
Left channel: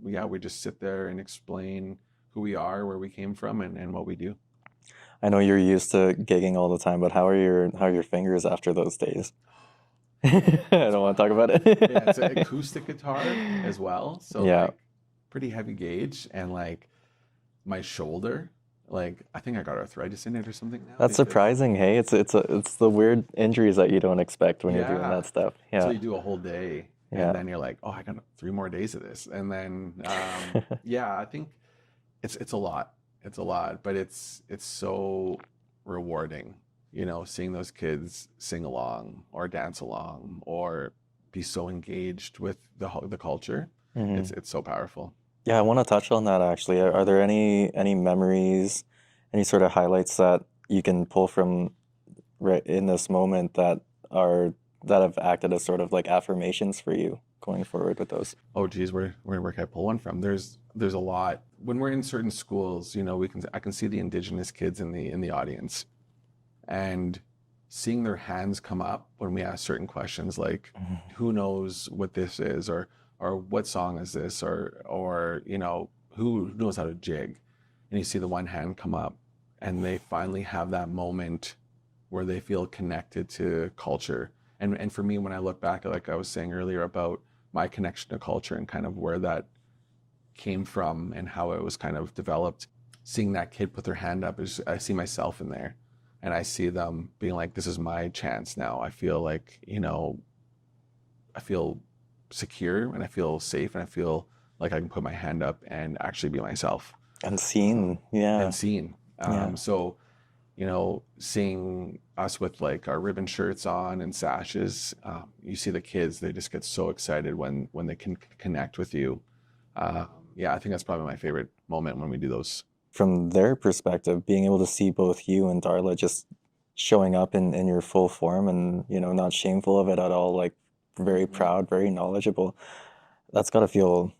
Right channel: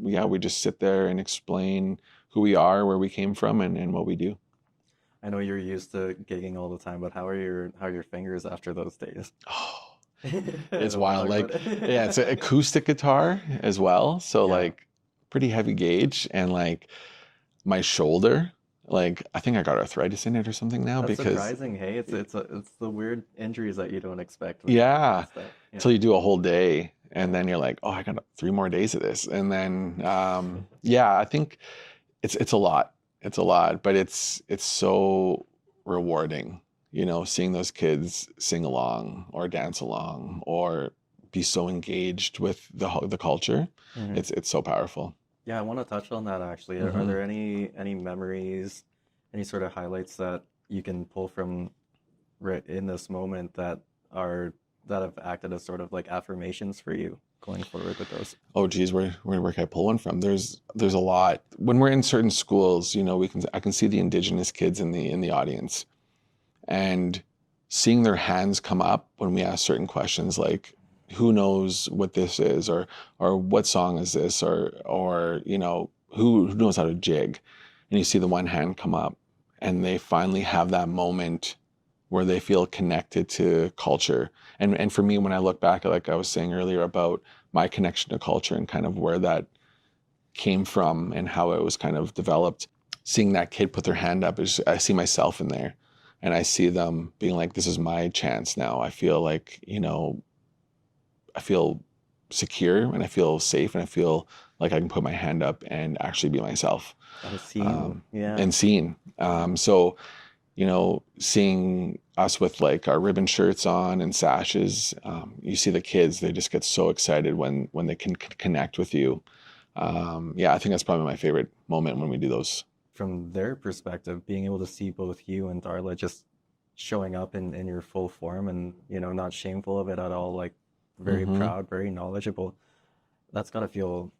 we just sit there and explain who we are, where we came from, and what we do. I know you're used to gigging all the time, but how are your fingers after those days? Oh, I it's don't want to wild. talk about it. Yeah, it's an acoustic guitar as well. So Yeah. like pretty heavy gauge, and like my shoulder, like I think I got arthritis in it or something now. That's surprising. Hey, it's the weird injuries that you don't expect when you're doing Yeah. that stuff. Yeah. Until you do a whole day, Yeah. and then you're like, oh, I got 3 more days of this. And then yeah, I think it's a lot. It's a lot, but it's so rewarding, seeing those kids sing along or dance along or be so engaged with the culture. Mhm. It's so powerful. Yeah, I want to touch on that actually. Are Mhm. there any memories, any sort of highlights that you can pull from right in this moment that have acted as sort of like affirmations for you going forward with those? Oh geez, where can I pull one from? There's a lot. When we're in certain schools, I can see the Indigenous kids in the audience, and seeing their hands come up when we ask certain questions like, who knows what this is, or what song is this, or who knows how to jig, and you see the one hand come up, and they finally have that moment where they feel connected to culture. And for me, when I look back, like I was saying earlier about my connection to culture and kind of where that came from and how it was kind of developed, seeing that kid put their hand up, I see myself in there, and I see them being like, this is my chance now. I feel like, I feel secure, and I feel safe, and I feel like I can put my hand up and actually be myself. And seen, yeah. And seen. Yeah. So, seeing us with like our ribbon shirts on and sashes, you see the kids, they just get so excited when they can connect with you. Yeah, I think that's probably my favorite moment when we do those. From their perspective, being able to see both you and Darla just showing up in your full form and, not shameful of it at all, like very Mhm. proud, very knowledgeable, that's got to feel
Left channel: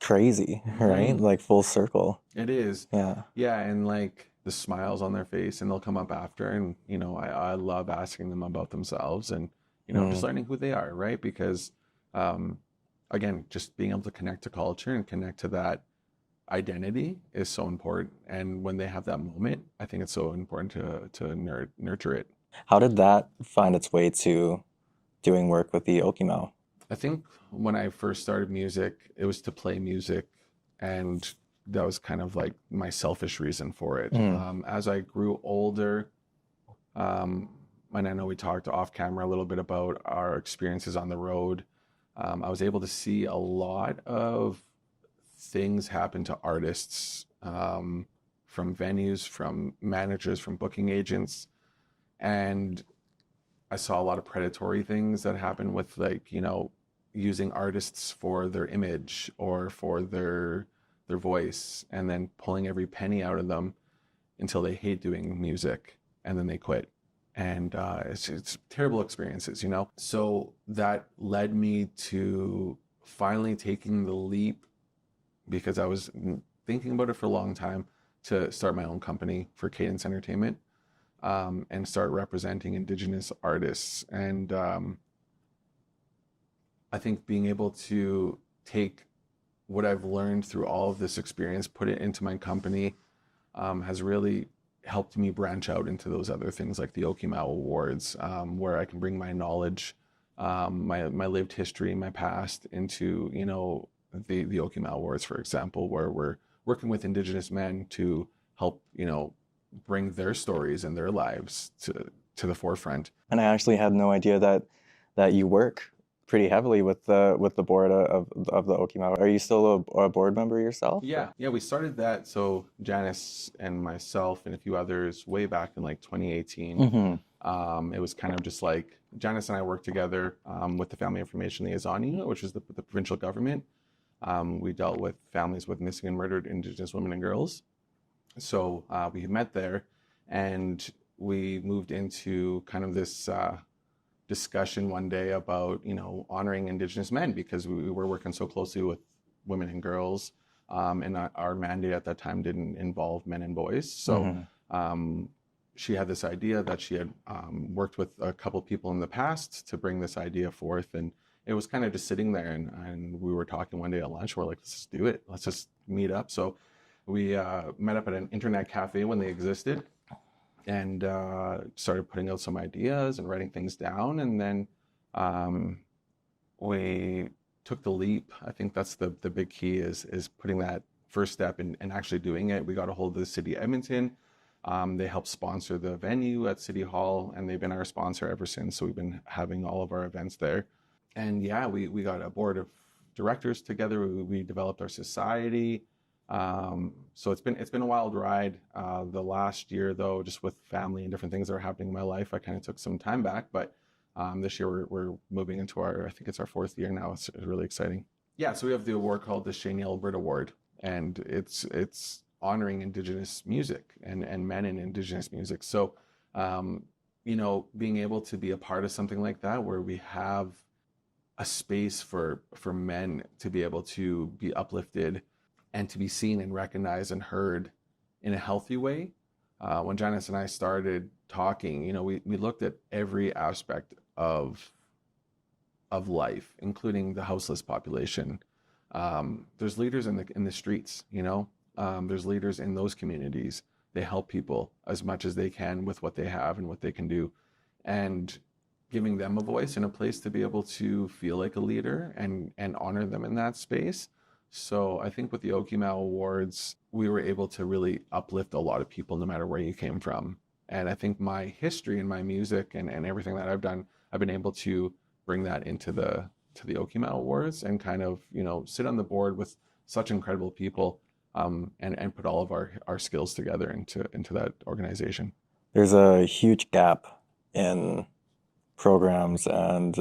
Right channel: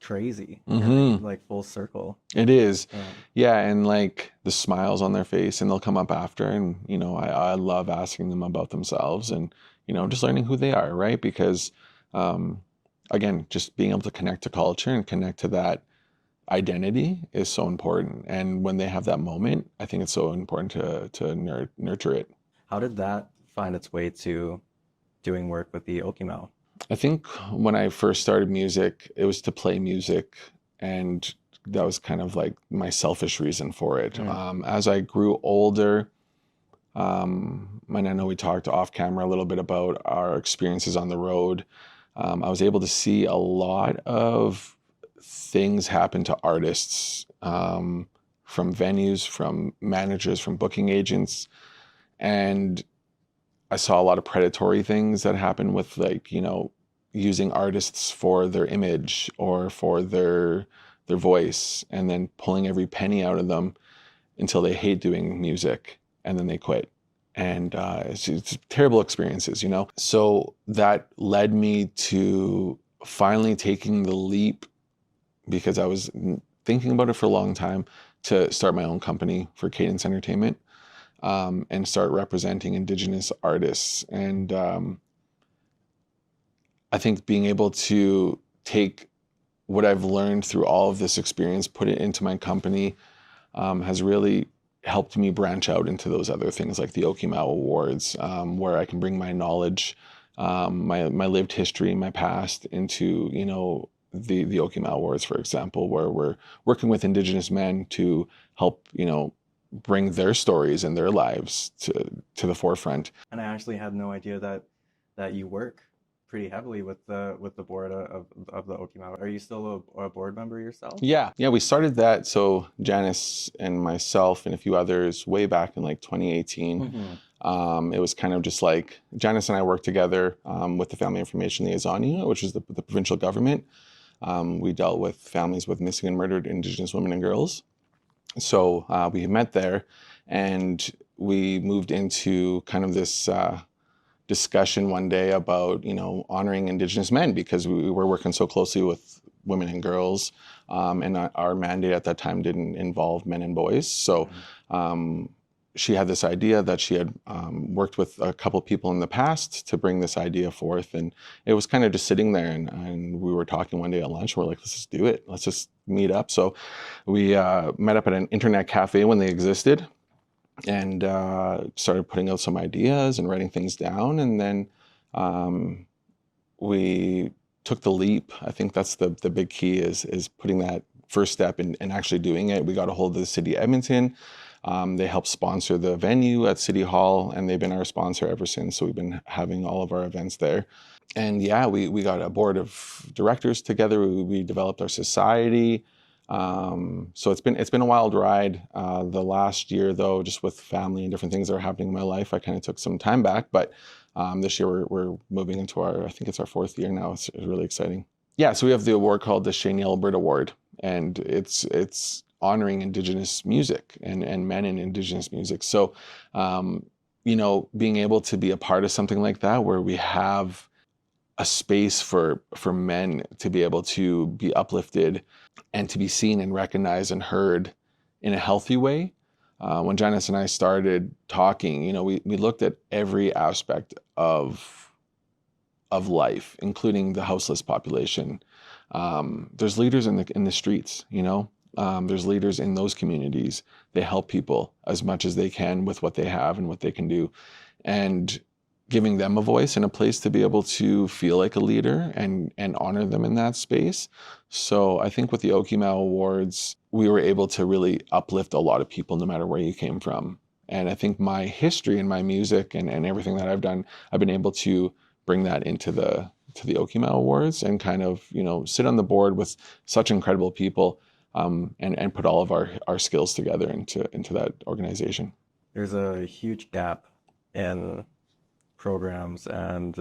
crazy, right? Mhm. Like full circle. It is. Yeah. Yeah, and like the smiles on their face, and they'll come up after, and I love asking them about themselves, and just learning who they are, right? Because again, just being able to connect to culture and connect to that identity is so important. And when they have that moment, I think it's so important to nurture it. How did that find its way to doing work with the Okimaw? I think when I first started music, it was to play music, and that was kind of like my selfish reason for it. As I grew older, And I know we talked off camera a little bit about our experiences on the road. I was able to see a lot of things happen to artists, from venues, from managers, from booking agents. And I saw a lot of predatory things that happen with, like, using artists for their image or for their voice, and then pulling every penny out of them until they hate doing music and then they quit. And it's terrible experiences. So that led me to finally taking the leap, because I was thinking about it for a long time, to start my own company for Cadence Entertainment, and start representing Indigenous artists. And I think being able to take what I've learned through all of this experience, put it into my company, has really helped me branch out into those other things like the Okimaw Awards, where I can bring my knowledge, my lived history, my past into, the Okimaw Awards, for example, where we're working with Indigenous men to help, bring their stories and their lives to the forefront. And I actually had no idea that you work pretty heavily with the board of the Okimaw. Are you still a board member yourself? Yeah, we started that. So Janice and myself and a few others way back in like 2018. It was kind of just like Janice and I worked together with the Family Information Liaison Unit, which is the provincial government. We dealt with families with missing and murdered Indigenous women and girls. So we met there, and we moved into kind of this discussion one day about, honoring Indigenous men, because we were working so closely with women and girls, and our mandate at that time didn't involve men and boys. So she had this idea that she had worked with a couple people in the past to bring this idea forth, and it was kind of just sitting there, and we were talking one day at lunch. We're like, let's just do it. Let's just meet up. So we met up at an internet cafe when they existed, and started putting out some ideas and writing things down. And then we took the leap. I think that's the big key, is putting that first step and actually doing it. We got a hold of the city of Edmonton. They helped sponsor the venue at City Hall, and they've been our sponsor ever since. So we've been having all of our events there. And yeah, we got a board of directors together. We developed our society. So it's been a wild ride. The last year, though, just with family and different things that are happening in my life, I kind of took some time back. But this year we're moving into I think it's our 4th year now. It's really exciting. Yeah, so we have the award called the Shane Alberta Award, and it's honoring Indigenous music and men in Indigenous music. So, being able to be a part of something like that, where we have a space for men to be able to be uplifted and to be seen and recognized and heard in a healthy way. When Janice and I started talking, we looked at every aspect of life, including the houseless population. There's leaders in the streets, there's leaders in those communities. They help people as much as they can with what they have and what they can do, and giving them a voice and a place to be able to feel like a leader and honor them in that space. So I think with the Okimaw Awards, we were able to really uplift a lot of people, no matter where you came from. And I think my history and my music and everything that I've done, I've been able to bring that into the Okimaw Awards, and kind of, sit on the board with such incredible people, and put all of our skills together into that organization. There's a huge gap in programs and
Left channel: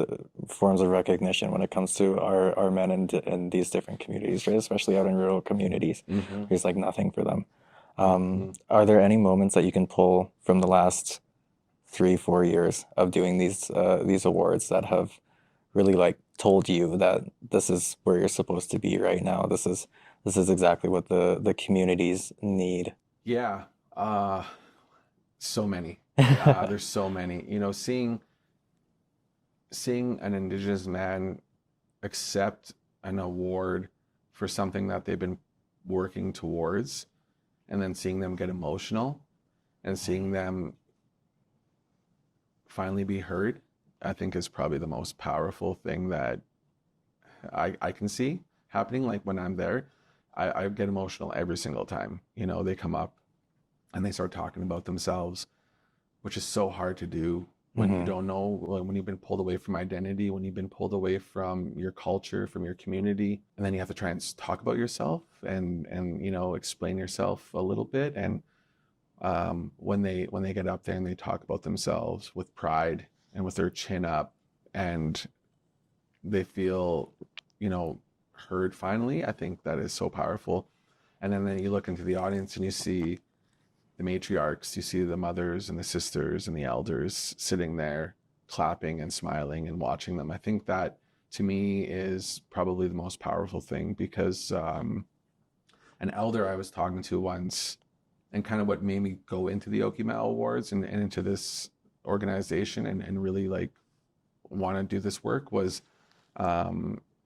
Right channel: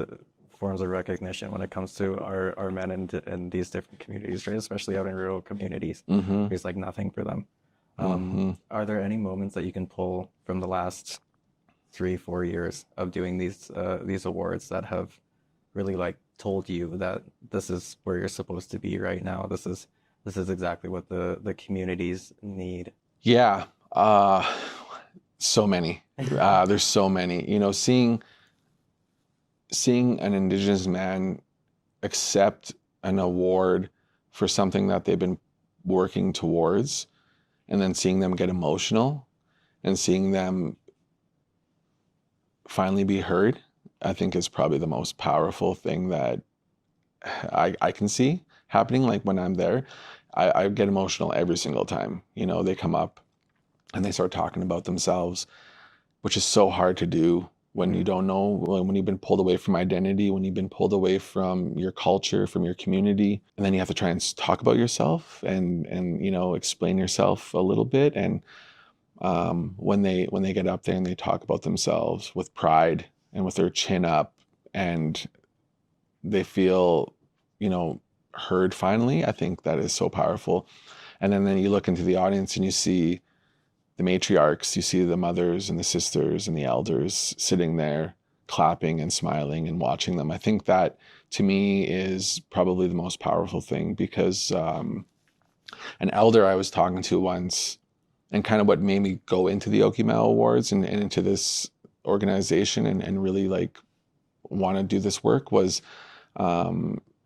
forms of recognition when it comes to our men in these different communities, right? Especially out in rural communities. There's like nothing for them. Are there any moments that you can pull from the last 3-4 years of doing these awards that have really like told you that this is where you're supposed to be right now? This is exactly what the communities need. Yeah, so many. There's so many. Seeing an Indigenous man accept an award for something that they've been working towards, and then seeing them get emotional and seeing them finally be heard, I think is probably the most powerful thing that I can see happening. Like when I'm there, I get emotional every single time. They come up and they start talking about themselves, which is so hard to do when you don't know, when you've been pulled away from identity, when you've been pulled away from your culture, from your community, and then you have to try and talk about yourself and explain yourself a little bit. And when they get up there and they talk about themselves with pride and with their chin up, and they feel heard finally, I think that is so powerful. And then you look into the audience and you see the matriarchs, you see the mothers and the sisters and the elders sitting there clapping and smiling and watching them. I think that, to me, is probably the most powerful thing, because an elder I was talking to once, and kind of what made me go into the Okimaw Awards and into this organization and really like want to do this work, was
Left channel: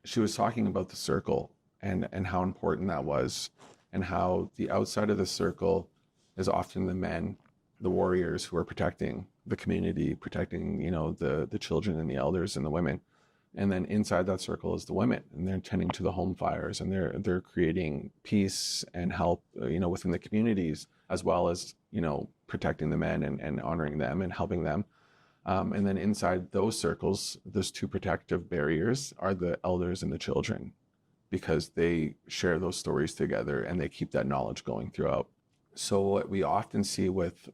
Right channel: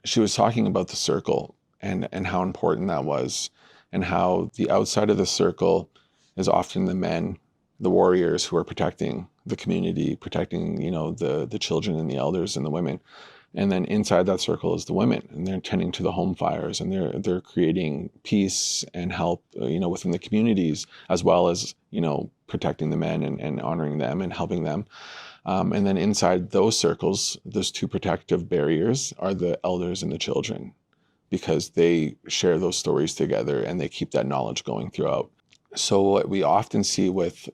she was talking about the circle and how important that was, and how the outside of the circle is often the men, the warriors who are protecting the community, protecting, the children and the elders and the women. And then inside that circle is the women, and they're tending to the home fires, and they're creating peace and help, within the communities, as well as, protecting the men and honoring them and helping them. And then inside those circles, those two protective barriers are the elders and the children, because they share those stories together and they keep that knowledge going throughout. So what we often see with,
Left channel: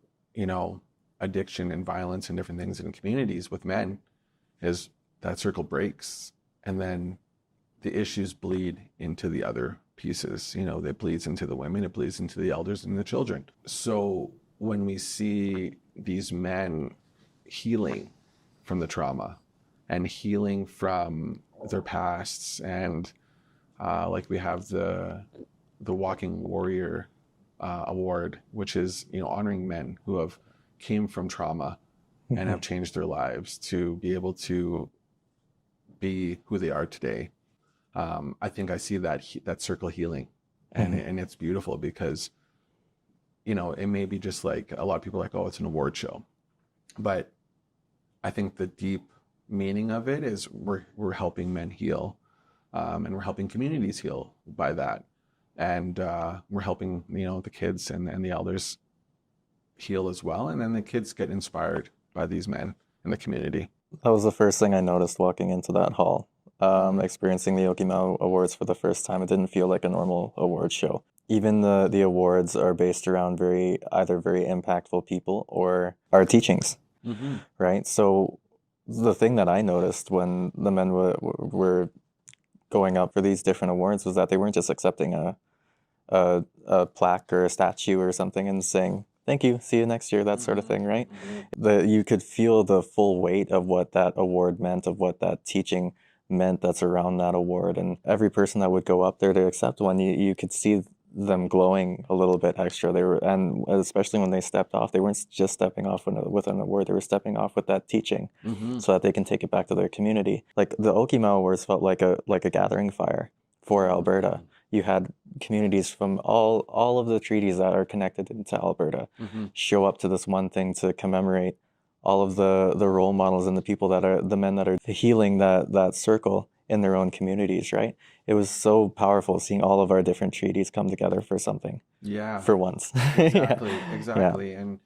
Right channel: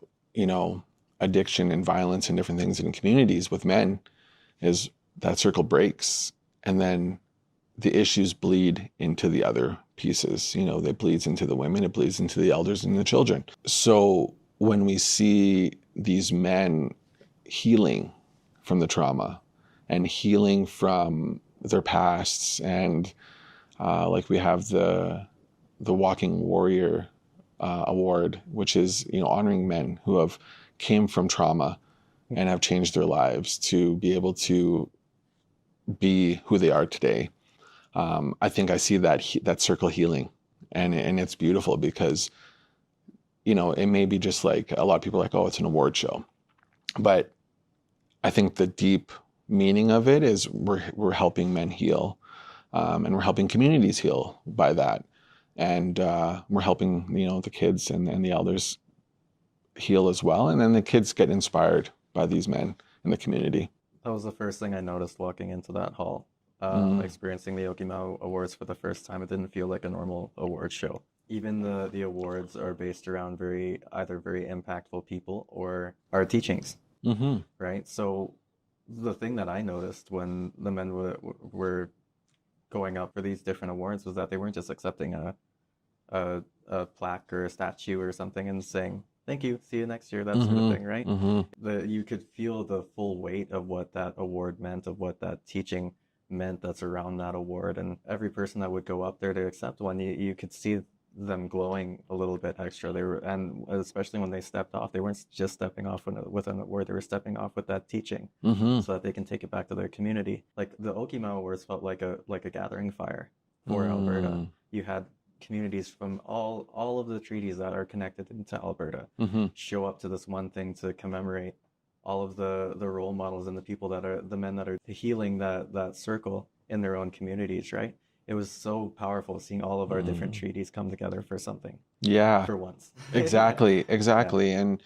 addiction and violence and different things in communities with men is that circle breaks, and then the issues bleed into the other pieces. It bleeds into the women, it bleeds into the elders and the children. So when we see these men healing from the trauma and healing from their pasts, and like we have the Walking Warrior Award, which is honoring men who have came from trauma and have changed their lives to be able to be who they are today. I think I see that circle healing, and it's beautiful, because it may be just like a lot of people are like, oh, it's an award show, but I think the deep meaning of it is we're helping men heal, and we're helping communities heal by that. And we're helping, the kids and the elders heal as well. And then the kids get inspired by these men in the community. That was the first thing I noticed walking into that hall, experiencing the Okimaw Awards for the first time. It didn't feel like a normal award show. Even the awards are based around either very impactful people or our teachings, right? So the thing that I noticed when the men were going up for these different awards was that they weren't just accepting a plaque or a statue or something and saying, thank you, see you next year, that sort of thing, right? You could feel the full weight of what that award meant, of what that teaching meant that's around that award. And every person that would go up there to accept one, you could see them glowing a little bit extra. And especially when they stepped off, they weren't just stepping off with an award, they were stepping off with that teaching, so that they can take it back to their community. Like the Okimaw Awards felt like a gathering fire for Alberta. You had communities from all of the treaties that are connected into Alberta show up to this one thing to commemorate all of the role models and the people the men that are healing that circle in their own communities, right? It was so powerful seeing all of our different treaties come together for something. Yeah. For once. Exactly. Yeah. And,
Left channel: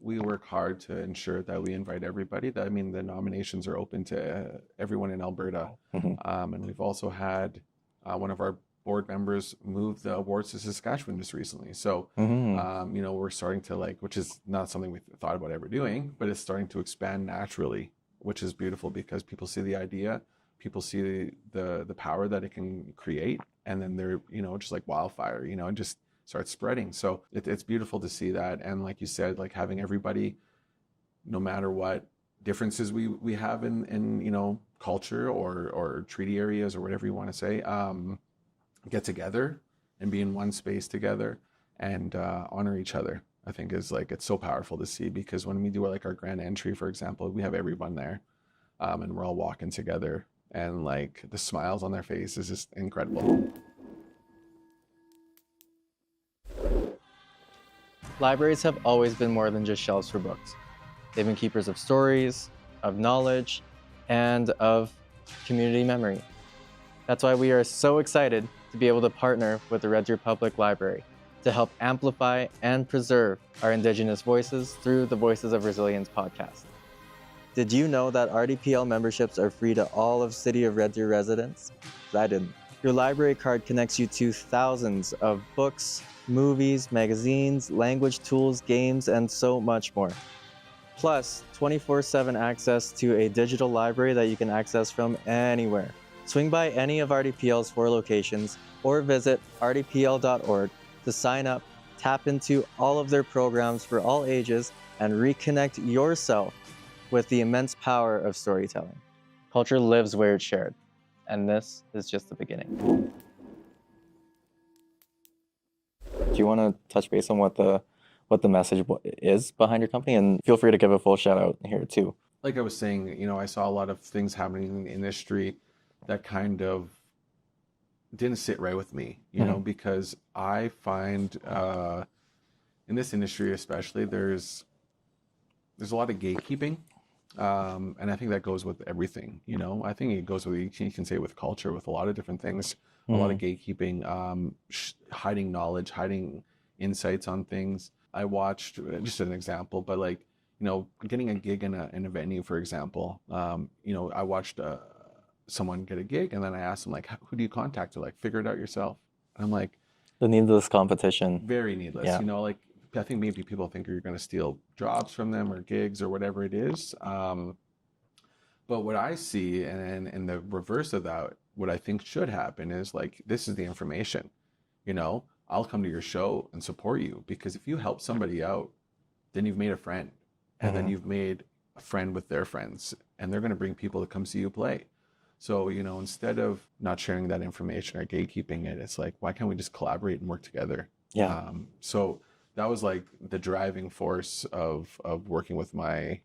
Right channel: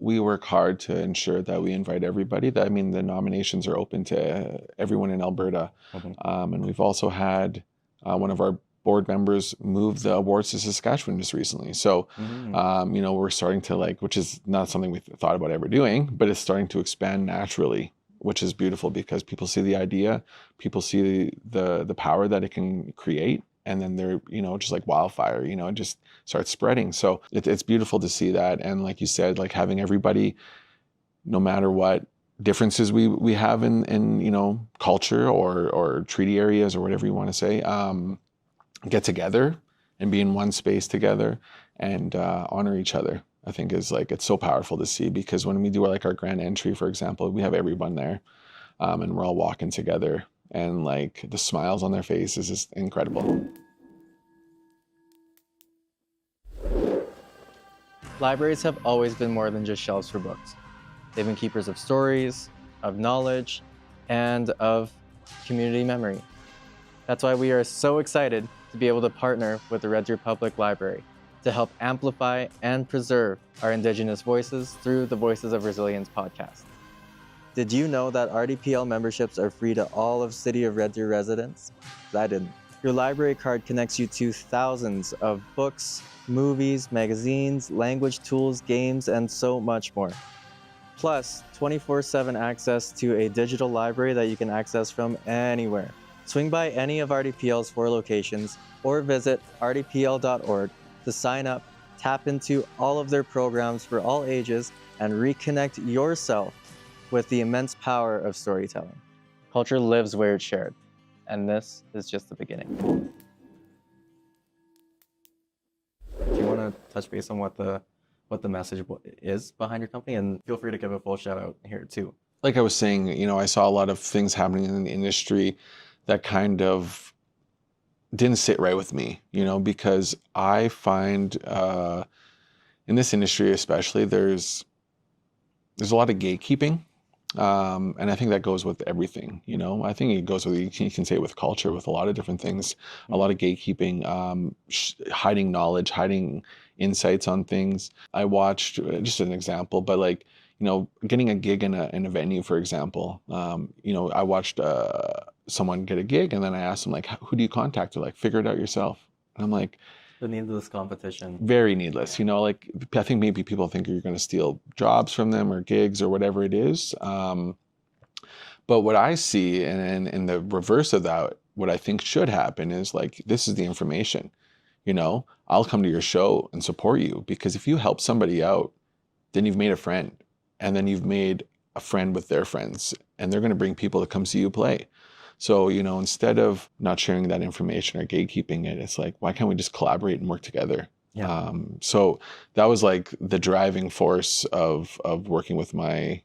we work hard to ensure that we invite everybody. The nominations are open to everyone in Alberta. And we've also had one of our board members move the awards to Saskatchewan just recently. So, we're starting to which is not something we thought about ever doing, but it's starting to expand naturally, which is beautiful, because people see the idea, people see the power that it can create, and then they're, just like wildfire, it just starts spreading. So it's beautiful to see that. And like you said, like having everybody, no matter what differences we have in culture or treaty areas or whatever you want to say, get together and be in one space together and honor each other, I think is it's so powerful to see, because when we do our grand entry, for example, we have everyone there, and we're all walking together, and the smiles on their face is just incredible. Libraries have always been more than just shelves for books. They've been keepers of stories, of knowledge, and of community memory. That's why we are so excited to be able to partner with the Red Deer Public Library to to help amplify and preserve our Indigenous voices through the Voices of Resilience podcast. Did you know that RDPL memberships are free to all of City of Red Deer residents? I didn't. Your library card connects you to thousands of books, movies, magazines, language tools, games, and so much more. Plus, 24/7 access to a digital library that you can access from anywhere. Swing by any of RDPL's 4 locations or visit rdpl.org to sign up, tap into all of their programs for all ages, and reconnect yourself with the immense power of storytelling. Culture lives where it's shared, and this is just the beginning. Do you want to touch base on what the message is behind your company? And feel free to give a full shout out here too. Like I was saying, I saw a lot of things happening in the industry that kind of didn't sit right with me, because I find in this industry especially, there's a lot of gatekeeping. And I think that goes with everything, I think it goes with, you can say with culture, with a lot of different things, a lot of gatekeeping, hiding knowledge, hiding insights on things. I watched, just an example, but like, getting a gig in a venue, for example, I watched someone get a gig, and then I asked them, like, who do you contact to, like, figure it out yourself? And I'm like, the needless competition. Very needless. Yeah. Like, I think maybe people think you're going to steal jobs from them or gigs or whatever it is. But what I see, and in the reverse of that, what I think should happen is, like, this is the information. I'll come to your show and support you, because if you help somebody out, then you've made a friend, and then you've made a friend with their friends, and they're going to bring people to come see you play. So, instead of not sharing that information or gatekeeping it, it's like, why can't we just collaborate and work together? Yeah. So that was like the driving force of working with my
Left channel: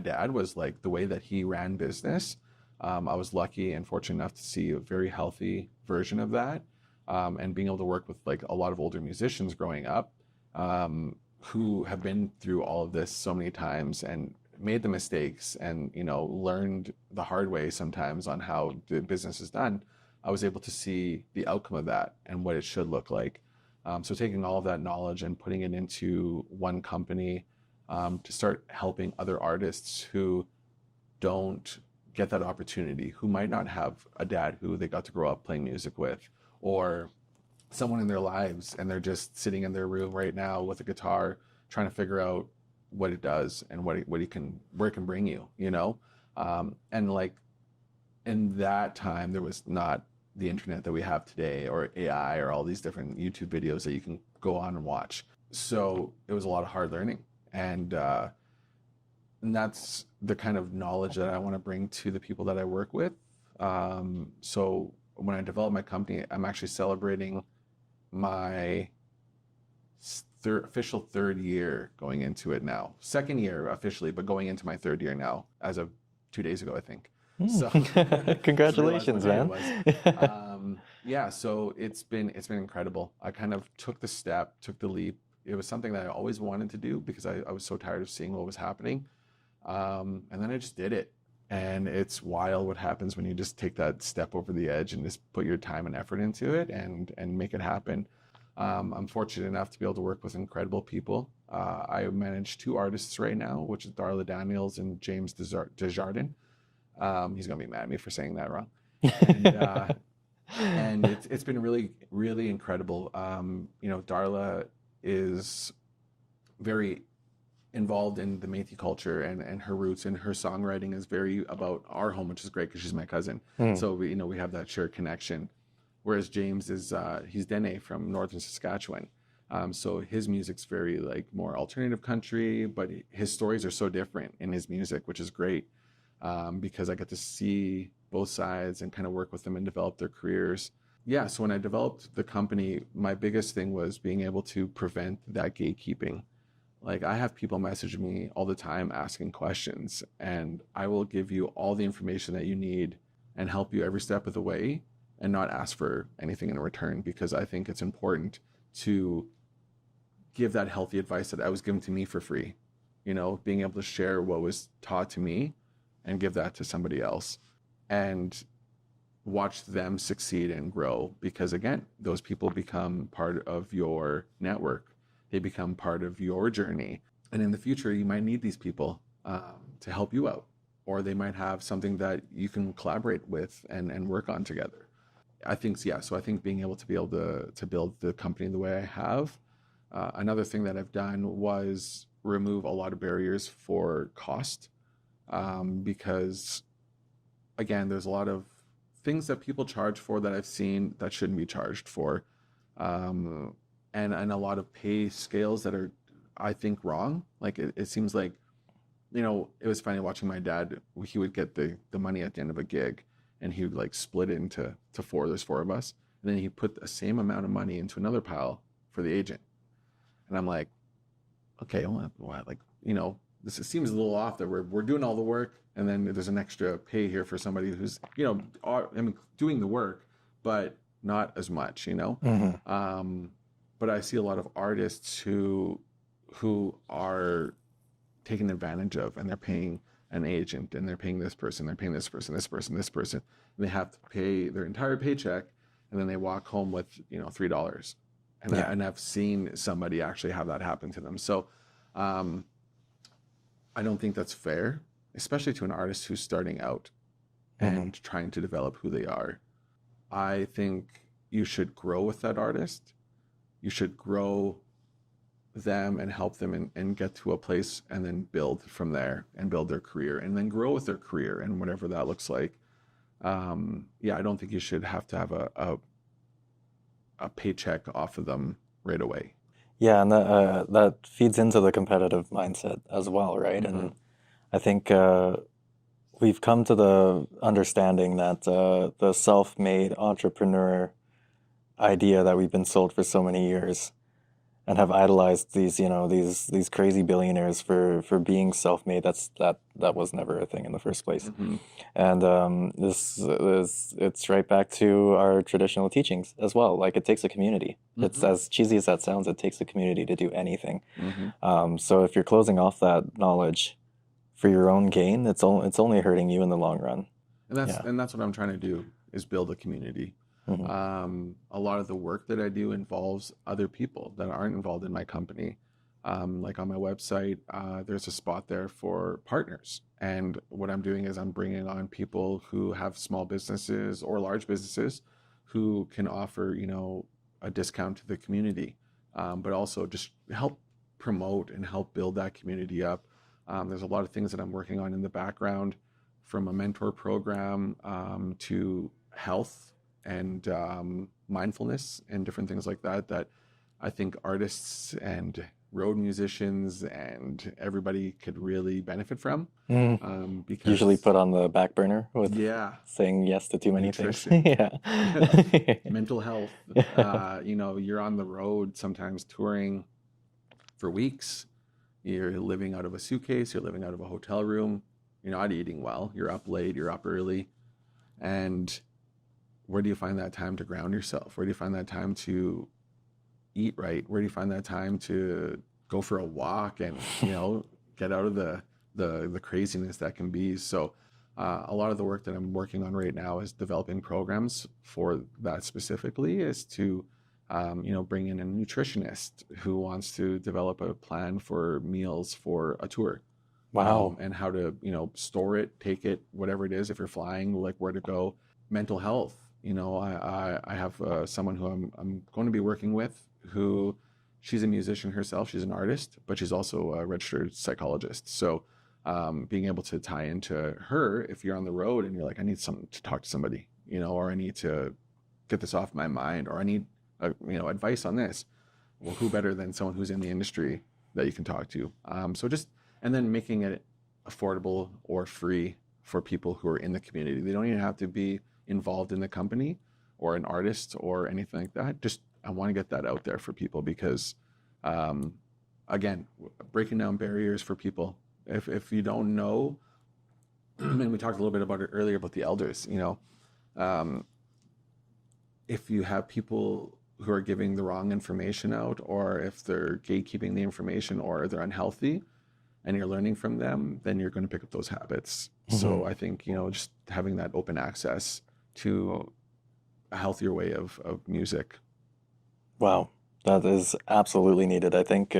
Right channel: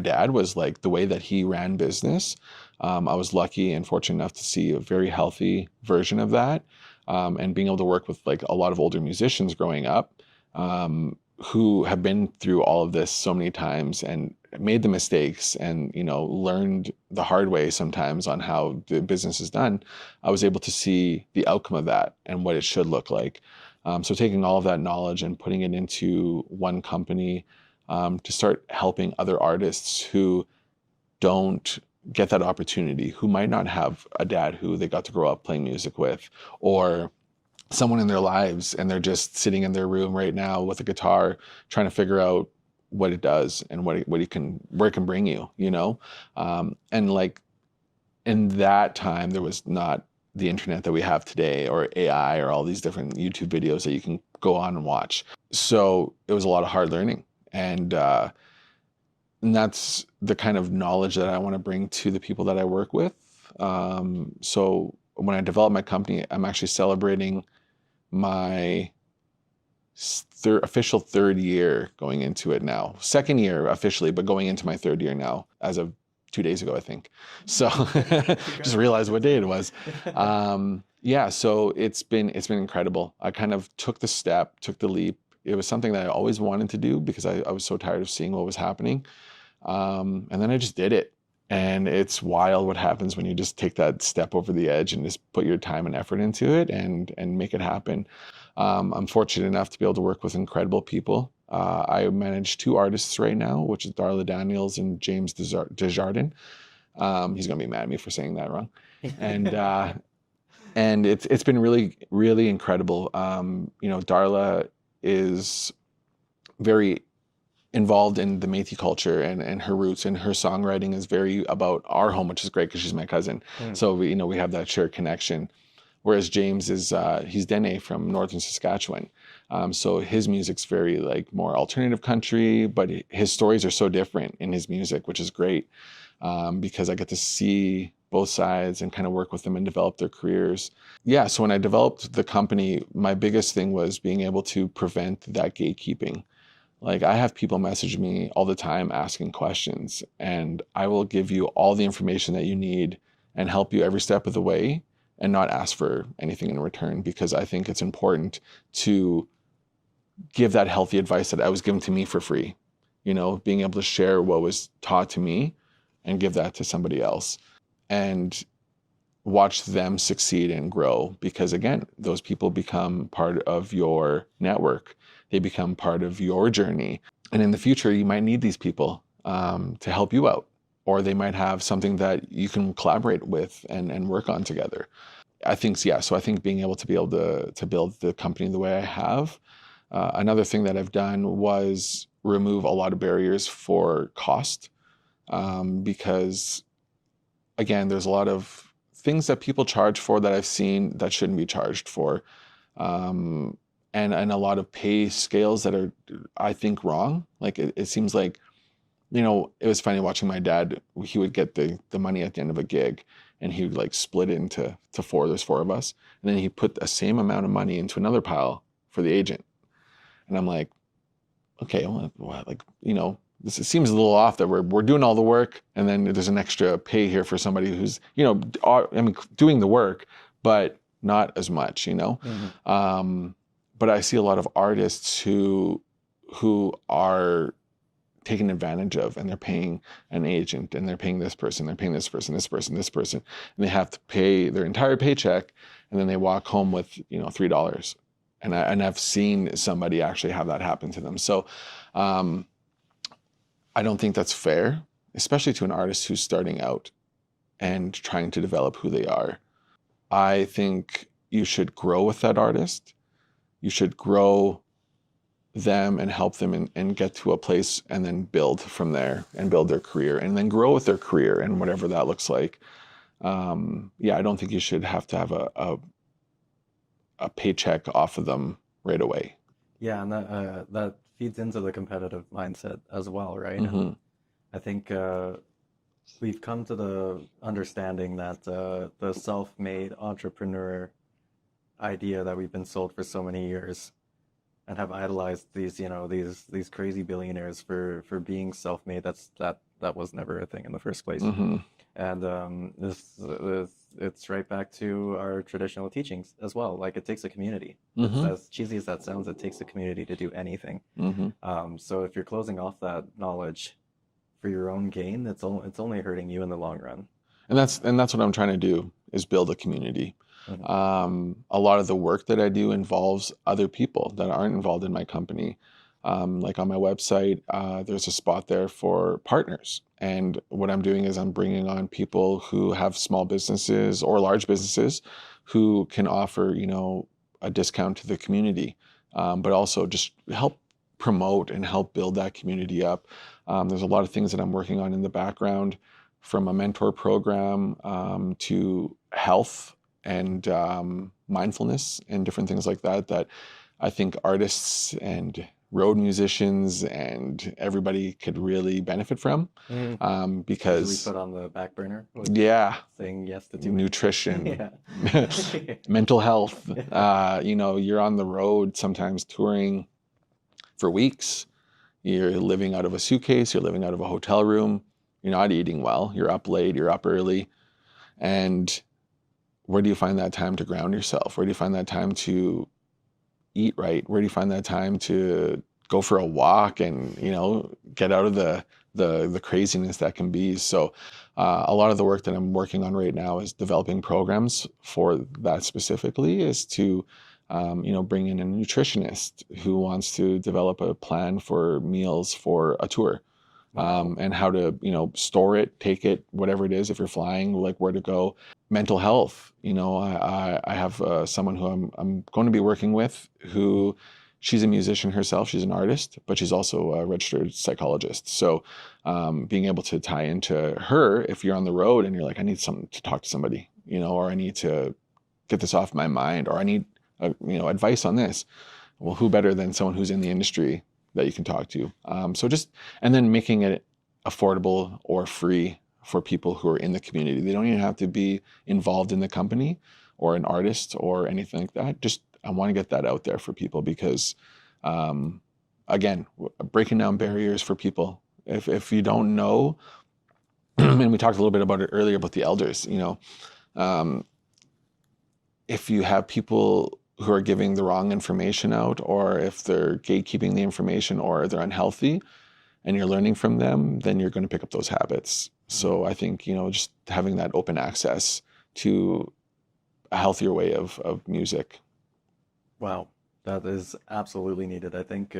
dad, was like the way that he ran business. I was lucky and fortunate enough to see a very healthy version of that, and being able to work with like a lot of older musicians growing up, who have been through all of this so many times and made the mistakes and, learned the hard way sometimes on how the business is done. I was able to see the outcome of that and what it should look like. So taking all of that knowledge and putting it into one company, to start helping other artists who don't get that opportunity, who might not have a dad who they got to grow up playing music with, or someone in their lives, and they're just sitting in their room right now with a guitar trying to figure out what it does and where it can bring you, and like in that time, there was not the internet that we have today, or AI, or all these different YouTube videos that you can go on and watch. So it was a lot of hard learning, and that's the kind of knowledge that I want to bring to the people that I work with. So when I developed my company, I'm actually celebrating my official 3rd year going into it now. 2nd year officially, but going into my 3rd year now, as of 2 days ago, I think. So just realized what day it was. Yeah, so it's been incredible. I kind of took the leap. It was something that I always wanted to do, because I was so tired of seeing what was happening. And then I just did it. And it's wild what happens when you just take that step over the edge and just put your time and effort into it and make it happen. I'm fortunate enough to be able to work with incredible people. I manage 2 artists right now, which is Darla Daniels and James Desjardins. He's going to be mad at me for saying that wrong. And and it's been really, really incredible. Darla is very involved in the Métis culture and her roots, and her songwriting is very about our home, which is great because she's my cousin. So we have that shared connection. Whereas James is he's Dene from northern Saskatchewan, so his music's very like more alternative country, but his stories are so different in his music, which is great, because I get to see both sides and kind of work with them and develop their careers. Yeah, so when I developed the company, my biggest thing was being able to prevent that gatekeeping. Like, I have people message me all the time asking questions, and I will give you all the information that you need and help you every step of the way and not ask for anything in return, because I think it's important to give that healthy advice that was given to me for free. Being able to share what was taught to me and give that to somebody else. And watch them succeed and grow, because again, those people become part of your network. They become part of your journey. And in the future, you might need these people to help you out, or they might have something that you can collaborate with and work on together. I think, yeah, so I think being able to build the company the way I have. Another thing that I've done was remove a lot of barriers for cost, because again, there's a lot of things that people charge for that I've seen that shouldn't be charged for. And a lot of pay scales that are, I think, wrong. Like it seems like, you know, it was funny watching my dad. He would get the money at the end of a gig, and he would like split it into four. There's four of us, and then he put the same amount of money into another pile for the agent. And I'm like, okay, well, like, you know, it seems a little off that we're doing all the work, and then there's an extra pay here for somebody who's, you know, I mean, doing the work, but not as much, you know. Mm-hmm. But I see a lot of artists who are taken advantage of, and they're paying an agent, and they're paying this person, they're paying this person, and they have to pay their entire paycheck, and then they walk home with, you know, $3. And Yeah. I've seen somebody actually have that happen to them. So I don't think that's fair, especially to an artist who's starting out and trying to develop who they are. I think you should grow with that artist. You should grow them and help them and get to a place, and then build from there and build their career, and then grow with their career and whatever that looks like. Yeah, I don't think you should have to have a paycheck off of them right away. Yeah, and that feeds into the competitive mindset as well, right? Mm-hmm. And I think we've come to the understanding that the self-made entrepreneur idea that we've been sold for so many years, and have idolized these, you know, these crazy billionaires for being self-made. That was never a thing in the first place. Mm-hmm. And it's right back to our traditional teachings as well. Like, it takes a community. It's Mm-hmm. as cheesy as that sounds. It takes a community to do anything. Mm-hmm. So if you're closing off that knowledge for your own gain, it's only hurting you in the long run. And that's Yeah. what I'm trying to do, is build a community. Mhm. A lot of the work that I do involves other people that aren't involved in my company. Like on my website, there's a spot there for partners. And what I'm doing is I'm bringing on people who have small businesses or large businesses who can offer, you know, a discount to the community, but also just help promote and help build that community up. There's a lot of things that I'm working on in the background, from a mentor program to health and mindfulness and different things like that, that I think artists and road musicians and everybody could really benefit from. Because Usually put on the back burner with saying yes to too many nutrition, things. Yeah. mental health. You know, you're on the road sometimes touring for weeks. You're living out of a suitcase. You're living out of a hotel room. You're not eating well. You're up late. You're up early. And where do you find that time to ground yourself? Where do you find that time to eat right? Where do you find that time to go for a walk and, you know, get out of the craziness that can be? So a lot of the work that I'm working on right now is developing programs for that specifically, is to you know, bring in a nutritionist who wants to develop a plan for meals for a tour. Wow. And how to, you know, store it, take it, whatever it is. If you're flying, like where to go. Mental health. You know, I have someone who I'm going to be working with, who she's a musician herself. She's an artist, but she's also a registered psychologist. So being able to tie into her, if you're on the road and you're like, I need something to talk to somebody, you know, or I need to get this off my mind, or I need you know, advice on this. Well, who better than someone who's in the industry that you can talk to? So just, and then making it affordable or free for people who are in the community. They don't even have to be involved in the company or an artist or anything like that. Just, I want to get that out there for people, because again, breaking down barriers for people. If you don't know, and we talked a little bit about it earlier about the elders, you know, if you have people who are giving the wrong information out, or if they're gatekeeping the information, or they're unhealthy, and you're learning from them, then you're going to pick up those habits. So I think, you know, just having that open access to a healthier way of music. Wow, that is absolutely needed. I think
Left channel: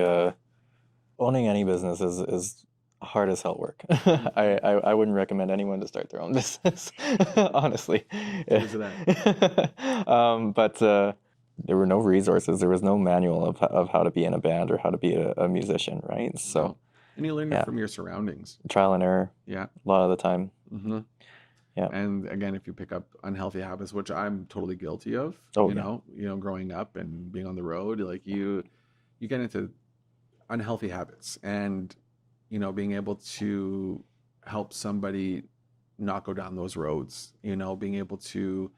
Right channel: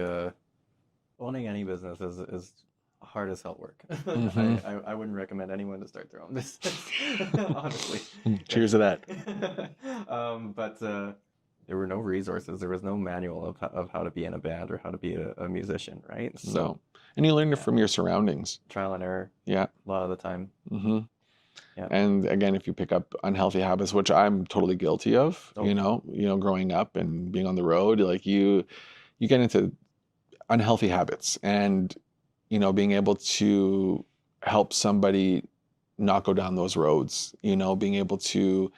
owning any business is hard as hell work. I wouldn't recommend anyone to start their own business, honestly. Cheers to that. But there were no resources. There was no manual of how to be in a band or how to be a musician, right? So, No. And you learn it from your surroundings. Trial and error. Yeah. A lot of the time. Mm-hmm. Yeah. And again, if you pick up unhealthy habits, which I'm totally guilty of, you know, growing up and being on the road, like you get into unhealthy habits, and, you know, being able to help somebody not go down those roads, you know, being able to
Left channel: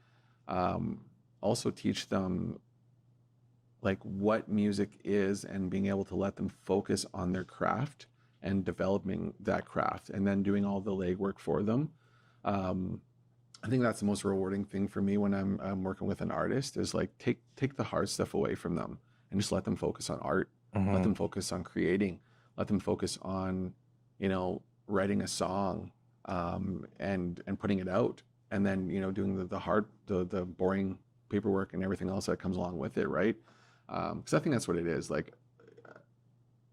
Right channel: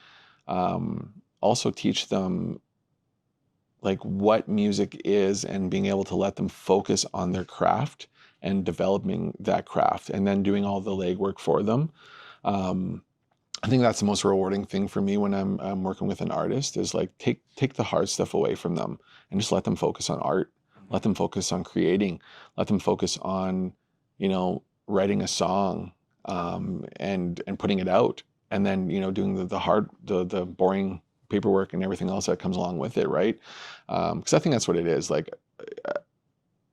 also teach them like what music is, and being able to let them focus on their craft and developing that craft, and then doing all the legwork for them. I think that's the most rewarding thing for me when I'm working with an artist, is like take the hard stuff away from them and just let them focus on art, let them focus on creating, let them focus on, you know, writing a song, and putting it out, and then, you know, doing the hard, the boring paperwork and everything else that comes along with it, right? Because I think that's what it is. Like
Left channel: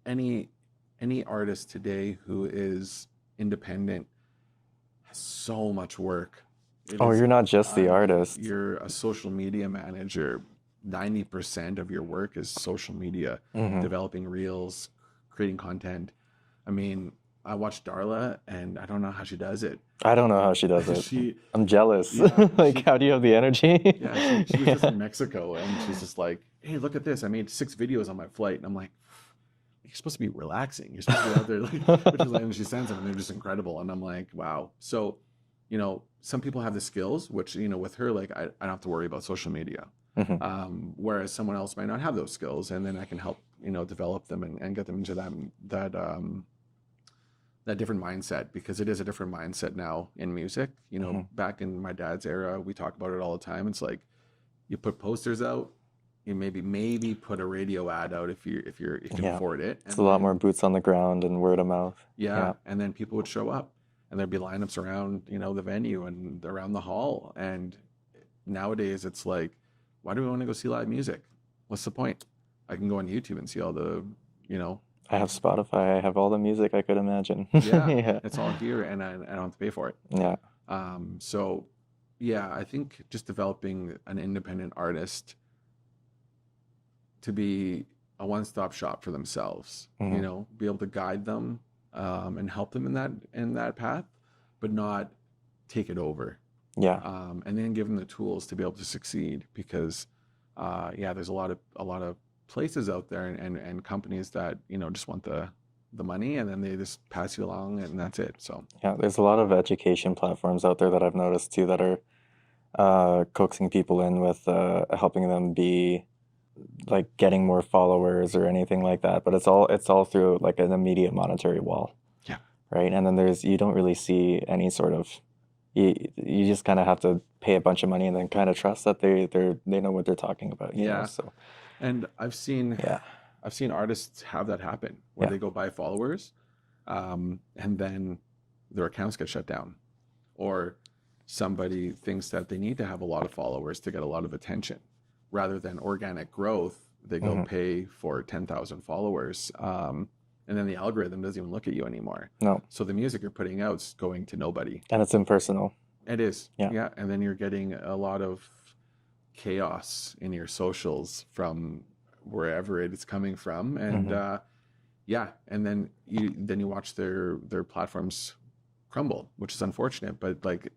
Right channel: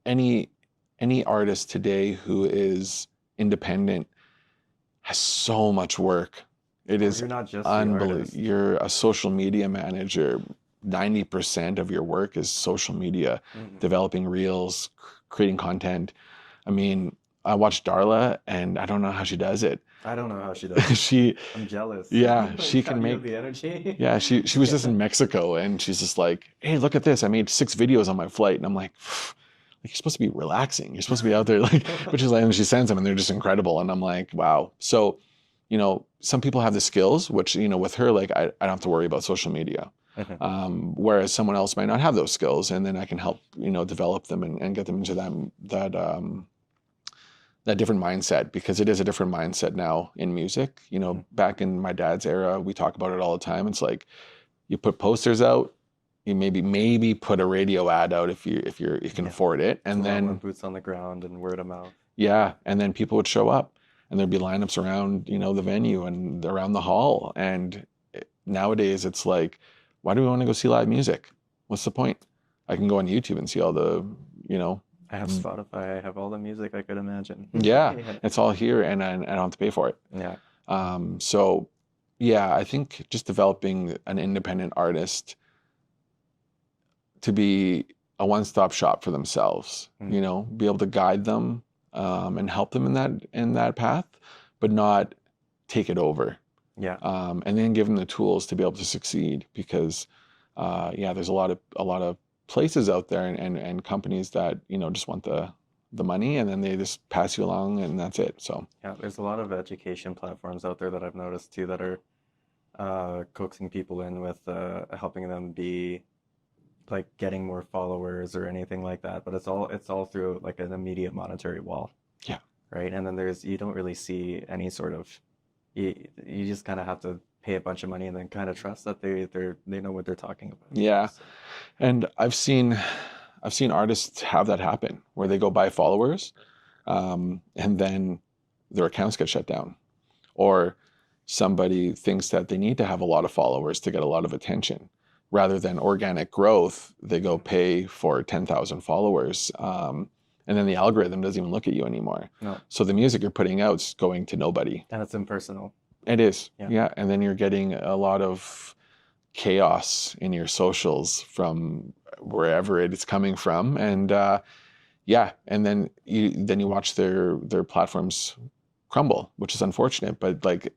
any artist today who is independent has so much work. You're not just the artist. You're a social media manager. 90% of your work is social media, developing reels, creating content. I mean, I watch Darla, and I don't know how she does it. I don't know how she does it. I'm jealous. Yeah. Like, how do you have the energy? Yeah, she was just in Mexico, and she's just like, hey, look at this. I made 6 videos on my flight. And I'm like, you're supposed to be relaxing. You're supposed to be out there, like, which is like, and she sends them, and they're just incredible. And I'm like, wow. So, you know, some people have the skills, which, you know, with her, like, I don't have to worry about social media. Whereas someone else might not have those skills, and then I can help, you know, develop them and get them into that different mindset, because it is a different mindset now in music. You know, back in my dad's era, we talk about it all the time. It's like, you put posters out, you maybe put a radio ad out if you can afford it, and it's a lot more boots on the ground and word of mouth. Yeah, and then people would show up, and there'd be lineups around, you know, the venue and around the hall. And nowadays it's like, why do we want to go see live music? What's the point? I can go on YouTube and see all the, you know. I have Spotify. I have all the music I could imagine. Yeah, it's all here, and I don't have to pay for it. Yeah. So, yeah, I think just developing an independent artist to be a one-stop shop for themselves, you know, be able to guide them and help them in that path, but not take it over. Yeah. And then give them the tools to be able to succeed, because there's a lot of places out there and companies that, you know, just want the money, and then they just pass you along, and that's it. So yeah, there's a lot of education platforms out there that I've noticed too, that are coaxing people in with helping them be like getting more followers or anything like that, but it's all through like an immediate monetary wall. Yeah. Right. And then you don't really see any sort of, you just kind of have to pay a bunch of money and then kind of trust that they know what they're talking about. Yeah. Know, so. And I've seen artists have that happen, where they go buy followers, and then their accounts get shut down, or somebody thinks that they need to have a lot of followers to get a lot of attention. Rather than organic growth, they go pay for 10,000 followers, and then the algorithm doesn't even look at you anymore. No. So the music you're putting out is going to nobody. And it's impersonal. It is. Yeah. And then you're getting a lot of chaos in your socials from wherever it is coming from. And and then you watch their platforms crumble, which is unfortunate. But like,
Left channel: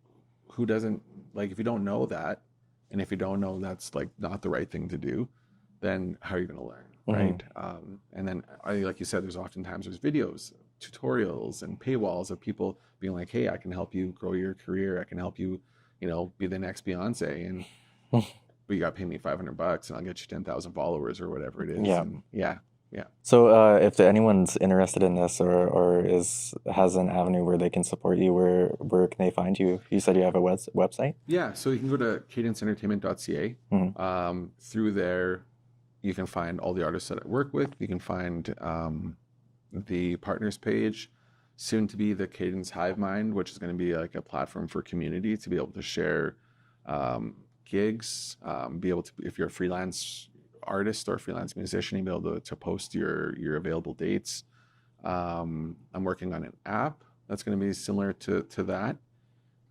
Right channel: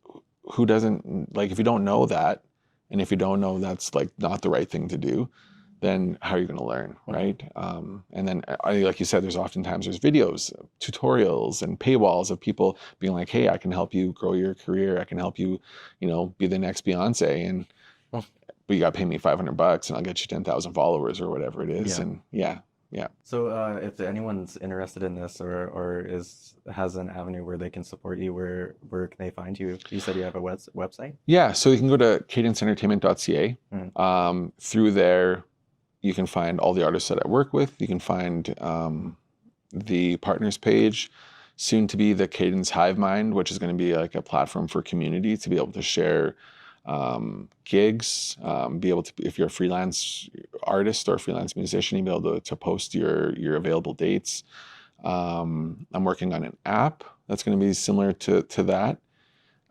who doesn't, like, if you don't know that, and if you don't know that's like not the right thing to do, then how are you going to learn, right? And then, like you said, there's videos, tutorials, and paywalls of people being like, hey, I can help you grow your career. I can help you, you know, be the next Beyonce. And but you got to pay me $500 and I'll get you 10,000 followers or whatever it is. Yeah. And yeah. So if anyone's interested in this or has an avenue where they can support you, where can they find you? You said you have a website? Yeah. So you can go to cadenceentertainment.ca. Through there, you can find all the artists that I work with. You can find the partners page, soon to be the Cadence Hive Mind, which is going to be like a platform for community to be able to share gigs, be able to, if you're a freelance artist or a freelance musician, you'll be able to post your available dates. I'm working on an app that's going to be similar to that.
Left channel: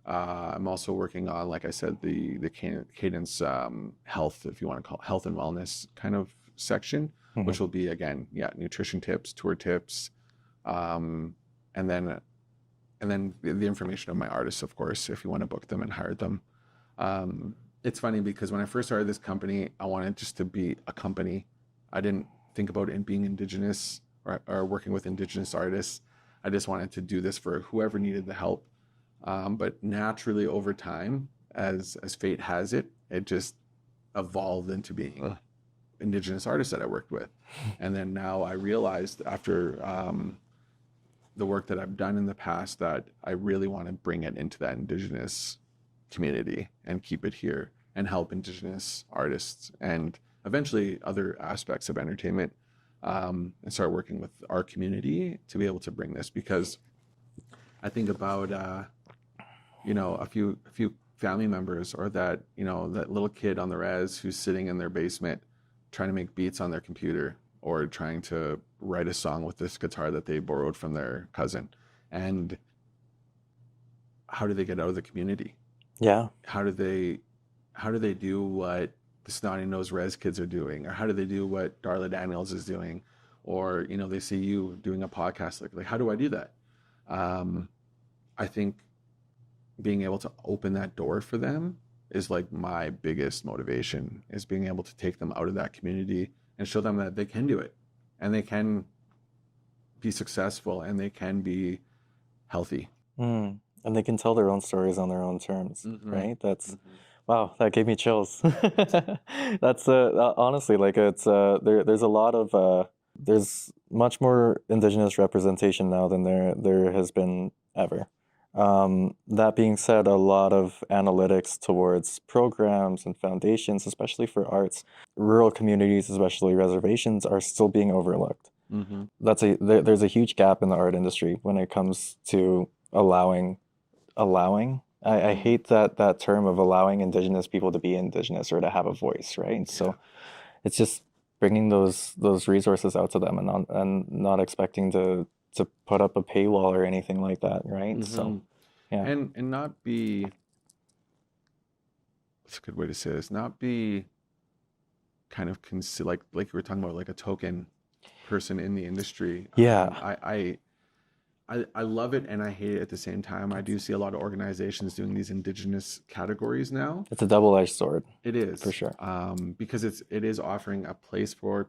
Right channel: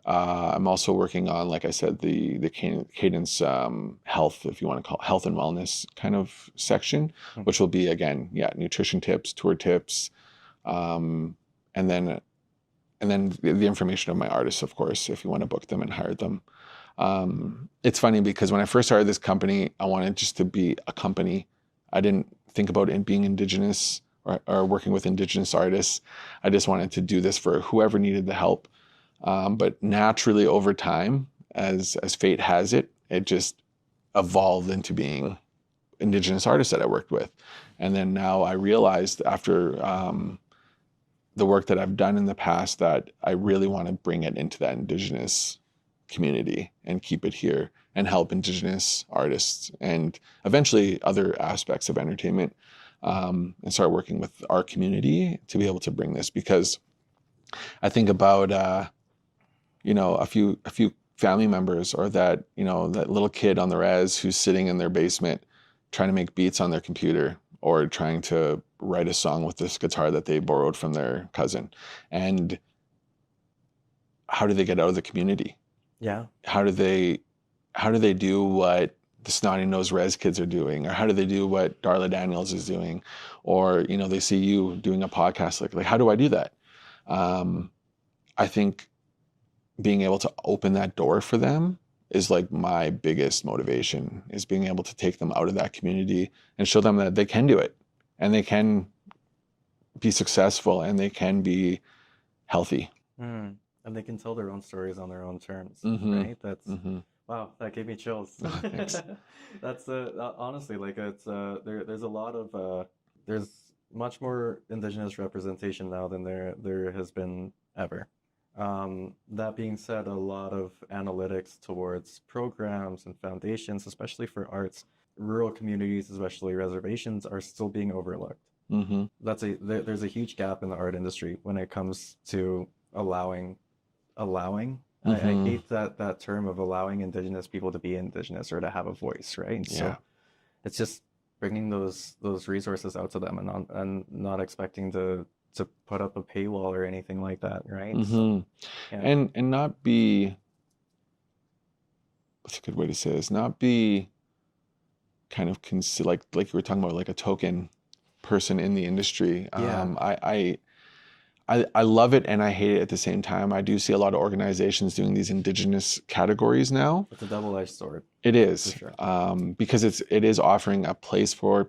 I'm also working on, like I said, the Cadence health, if you want to call it, health and wellness kind of section, which will be, again, nutrition tips, tour tips, and then the information of my artists, of course, if you want to book them and hire them. It's funny because when I first started this company, I wanted just to be a company. I didn't think about it being Indigenous or working with Indigenous artists. I just wanted to do this for whoever needed the help. But naturally over time, as fate has it, it just evolved into being Indigenous artists that I worked with. And then now I realized after the work that I've done in the past that I really want to bring it into that Indigenous community and keep it here and help Indigenous artists and eventually other aspects of entertainment, and start working with our community to be able to bring this, because I think about a few family members, or that that little kid on the res who's sitting in their basement trying to make beats on their computer, or trying to write a song with this guitar that they borrowed from their cousin. And how do they get out of the community? Yeah. How do they do what the snotty nosed res kids are doing, or how do they do what Darla Daniels is doing, or they see you doing a podcast, like how do I do that? I think being able to open that door for them is like my biggest motivation, is being able to take them out of that community and show them that they can do it, and they can be successful, and they can be healthy. And they can tell their own stories on their own terms, right? That's wow, that gave me chills. That's honestly, like, it's there's a lot of there's much more Indigenous representation now than there has been ever. That being said, a lot of analytics towards programs and foundations, especially for arts, rural communities, especially reservations, are still being overlooked. There's a huge gap in the art industry when it comes to allowing. I hate that term of allowing Indigenous people to be Indigenous or to have a voice, right? So it's just bringing those resources out to them, and not expecting to put up a paywall or anything like that, right? So and not be, what's a good way to say this, not be kind of like you were talking about, like a token person in the industry. I love it and I hate it at the same time. I do see a lot of organizations doing these Indigenous categories now. It's a double-edged sword. It is, for sure. Because it is offering a place for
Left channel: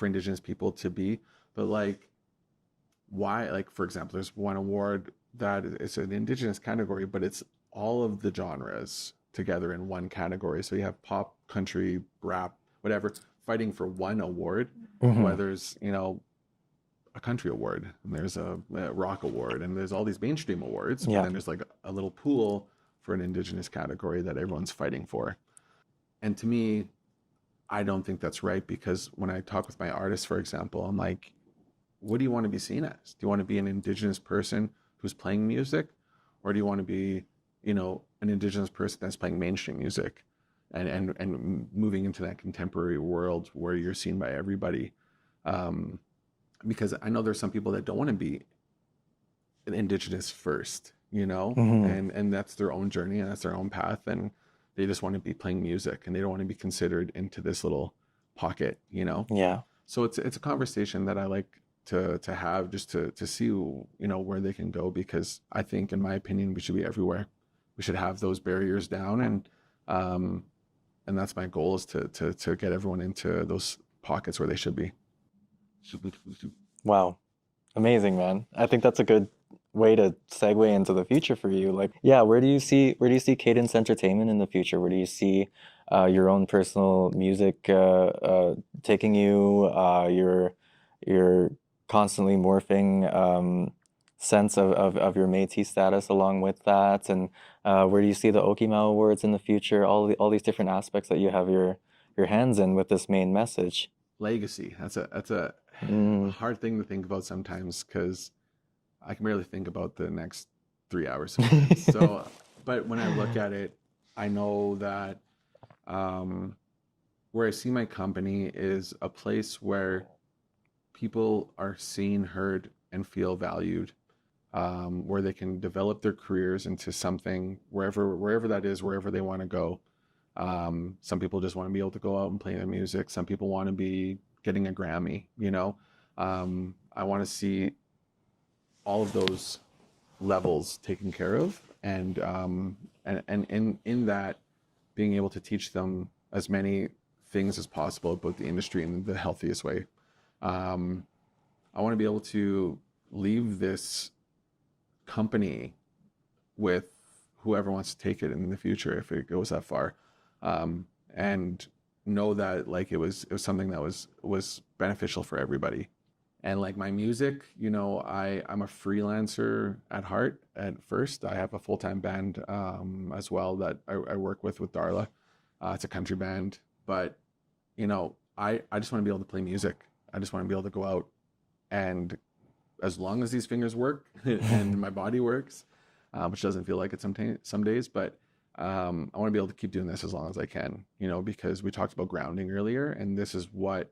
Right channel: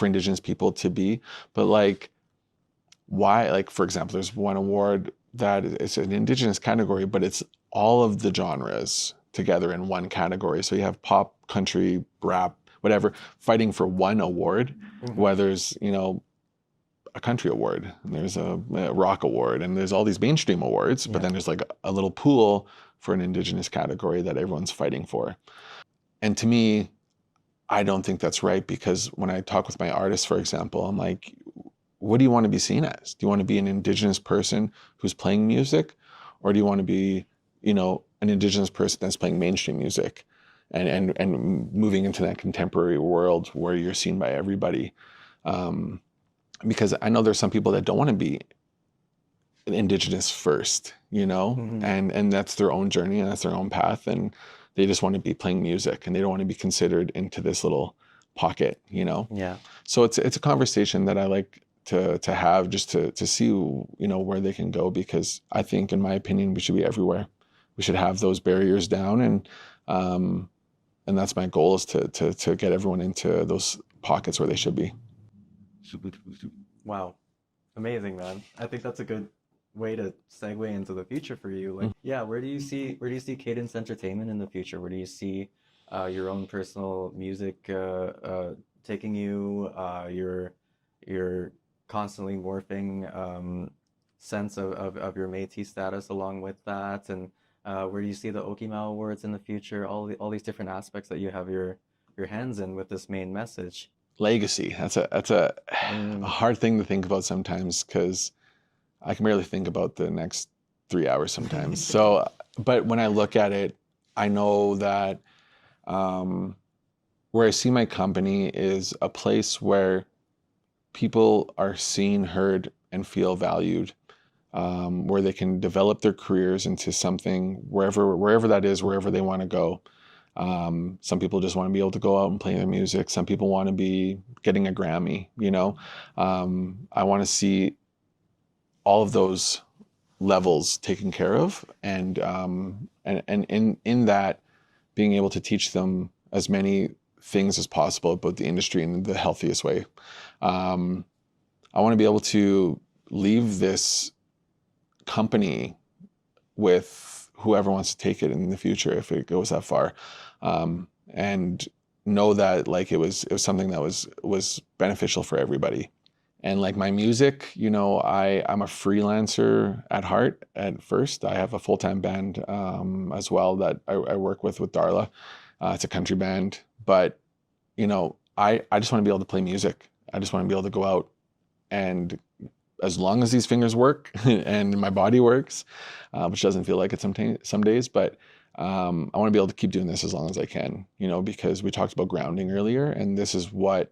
Indigenous people to be. But like, why? Like, for example, there's one award that it's an Indigenous category, but it's all of the genres together in one category. So you have pop, country, rap, whatever, fighting for one award. Where there's a country award, and there's a rock award, and there's all these mainstream awards, but then there's like a little pool for an Indigenous category that everyone's fighting for. And to me, I don't think that's right, because when I talk with my artists, for example, I'm like, what do you want to be seen as? Do you want to be an Indigenous person who's playing music, or do you want to be, an Indigenous person that's playing mainstream music and moving into that contemporary world where you're seen by everybody? Because I know there's some people that don't want to be Indigenous first, and that's their own journey, and that's their own path, and they just want to be playing music, and they don't want to be considered into this little pocket, Yeah. So it's a conversation that I like to have, just to see, where they can go, because I think, in my opinion, we should be everywhere. We should have those barriers down, and that's my goal, is to get everyone into those pockets where they should be. Wow. Amazing, man. I think that's a good way to segue into the future for you. Like, where do you see Cadence Entertainment in the future? Where do you see your own personal music taking you? Your constantly morphing sense of your Métis status along with that, and where do you see the Okimaw Awards in the future? All these different aspects that you have your hands in with this main message. Legacy. That's a hard thing to think about sometimes, because I can barely think about the next 3 hours sometimes. So, but when I look at it, I know that where I see my company is a place where people are seen, heard, and feel valued, where they can develop their careers into something wherever that is, wherever they want to go. Some people just want to be able to go out and play their music. Some people want to be getting a Grammy, you know. I want to see all of those levels taken care of, and in that, being able to teach them as many things as possible about the industry in the healthiest way. I want to be able to leave this company with whoever wants to take it in the future if it goes that far, and know that like it was something that was beneficial for everybody. And like my music, you know, I'm a freelancer at heart. At first, I have a full-time band as well that I work with Darla. It's a country band, but you know, I just want to be able to play music. I just want to be able to go out, and as long as these fingers work and my body works, which doesn't feel like it some days, but I want to be able to keep doing this as long as I can, you know, because we talked about grounding earlier, and this is what,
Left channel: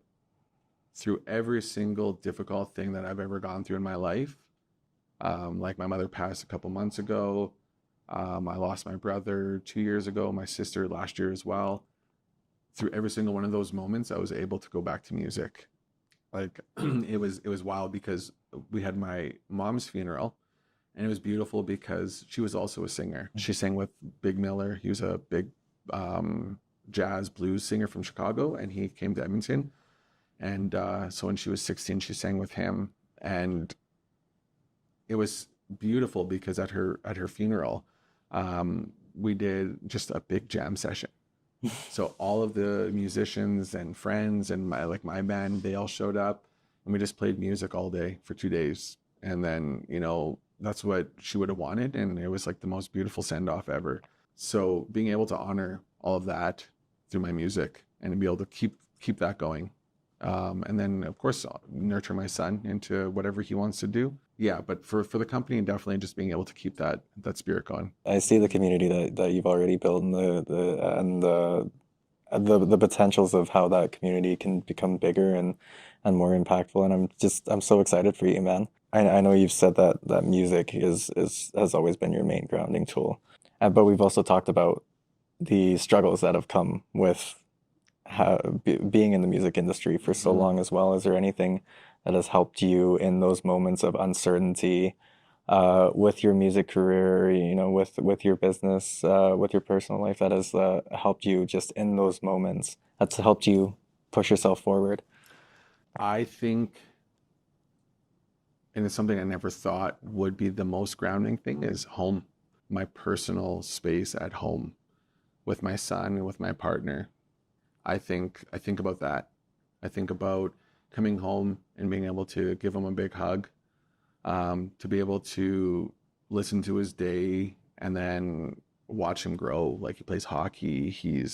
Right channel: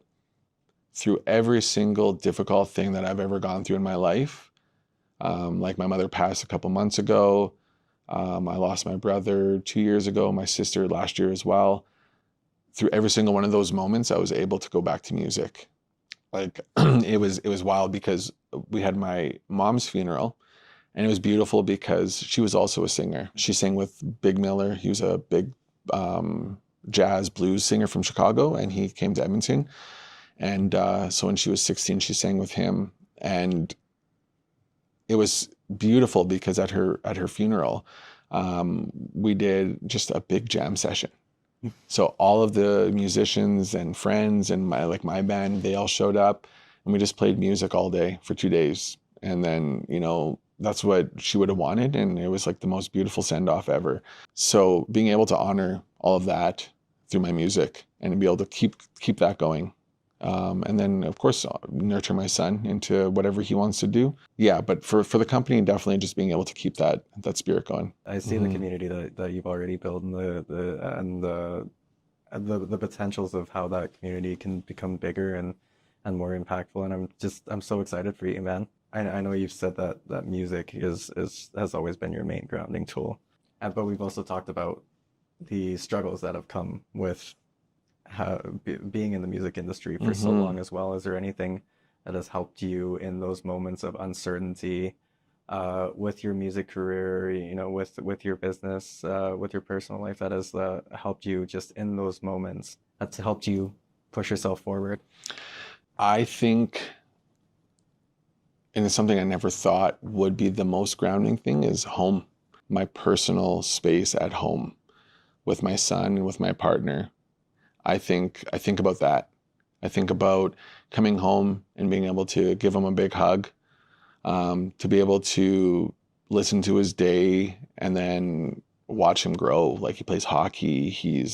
through every single difficult thing that I've ever gone through in my life, like my mother passed a couple months ago, I lost my brother 2 years ago, my sister last year as well. Through every single one of those moments, I was able to go back to music. Like it was wild because we had my mom's funeral, and it was beautiful because she was also a singer. She sang with Big Miller. He was a big jazz blues singer from Chicago, and he came to Edmonton. And so when she was 16, she sang with him, and it was beautiful because at her funeral, we did just a big jam session. So all of the musicians and friends and my band, they all showed up, and we just played music all day for 2 days. And then, you know, that's what she would have wanted, and it was like the most beautiful send-off ever. So being able to honor all of that through my music and be able to keep that going. And then, of course, nurture my son into whatever he wants to do. Yeah, but for the company, definitely just being able to keep that spirit going. I see the community that you've already built, and the potentials of how that community can become bigger and more impactful. And I'm so excited for you, man. I know you've said that music has always been your main grounding tool, but we've also talked about the struggles that have come with being in the music industry for so long as well. Is there anything that has helped you in those moments of uncertainty with your music career, you know, with your business, with your personal life, that has helped you just in those moments, that's helped you push yourself forward? I think, and it's something I never thought would be the most grounding thing, is home. My personal space at home with my son, with my partner. I think about that. I think about coming home and being able to give him a big hug, to be able to listen to his day and then watch him grow. Like, he plays hockey. He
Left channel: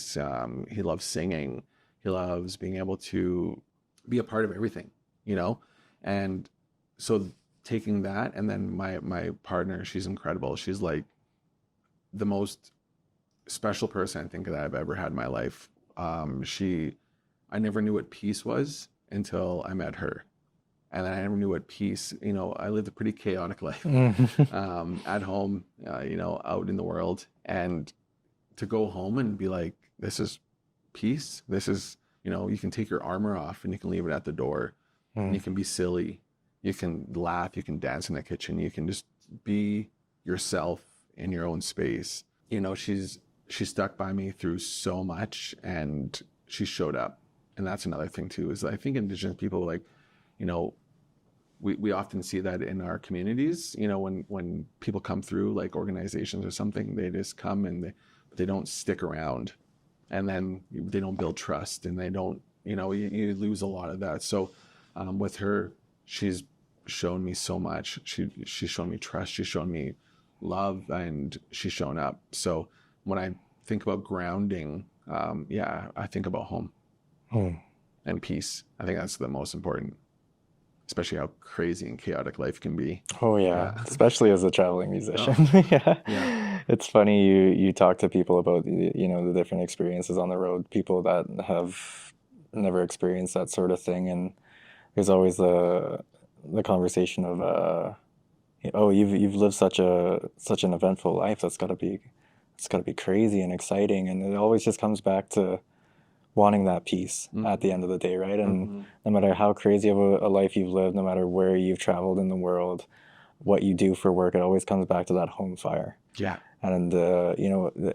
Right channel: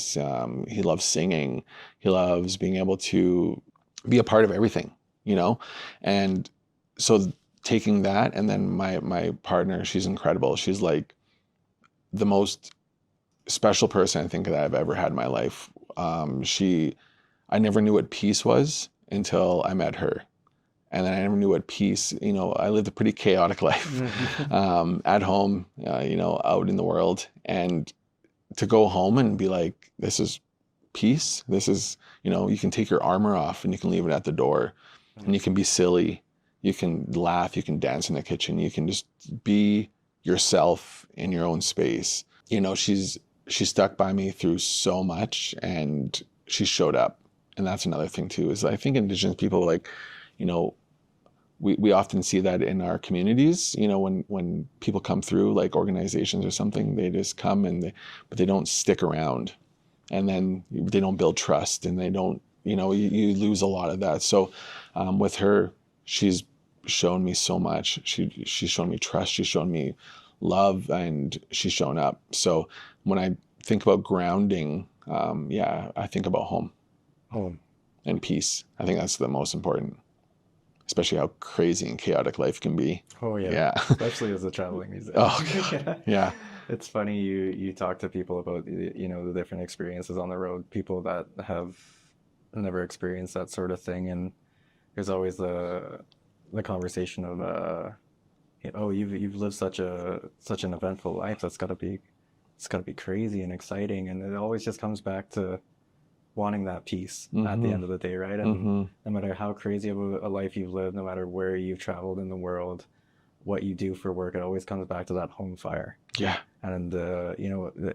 loves singing. He loves being able to be a part of everything, you know? And so taking that, and then my partner, she's incredible. She's like the most special person I think that I've ever had in my life. I never knew what peace was until I met her. And then I never knew what peace, you know, I lived a pretty chaotic life at home, you know, out in the world. And to go home and be like, this is peace. This is, you know, you can take your armor off and you can leave it at the door, and you can be silly. You can laugh, you can dance in the kitchen. You can just be yourself in your own space. You know, she stuck by me through so much, and she showed up. And that's another thing too, is I think Indigenous people, like, you know, we often see that in our communities, you know, when people come through, like organizations or something, they just come but they don't stick around, and then they don't build trust, and they don't, you know, you lose a lot of that. So with her, she's shown me so much. She's shown me trust. She's shown me love, and she's shown up. So when I think about grounding, I think about home and peace. I think that's the most important, especially how crazy and chaotic life can be. Oh yeah. Especially as a traveling musician. Yeah. It's funny you talk to people about the different experiences on the road, people that have never experienced that sort of thing, and there's always the conversation of oh, you've lived such an eventful life. It's got to be crazy and exciting, and it always just comes back to wanting that peace at the end of the day, right? And no matter how crazy of a life you've lived, no matter where you've traveled in the world, what you do for work, it always comes back to that home fire. Yeah. And the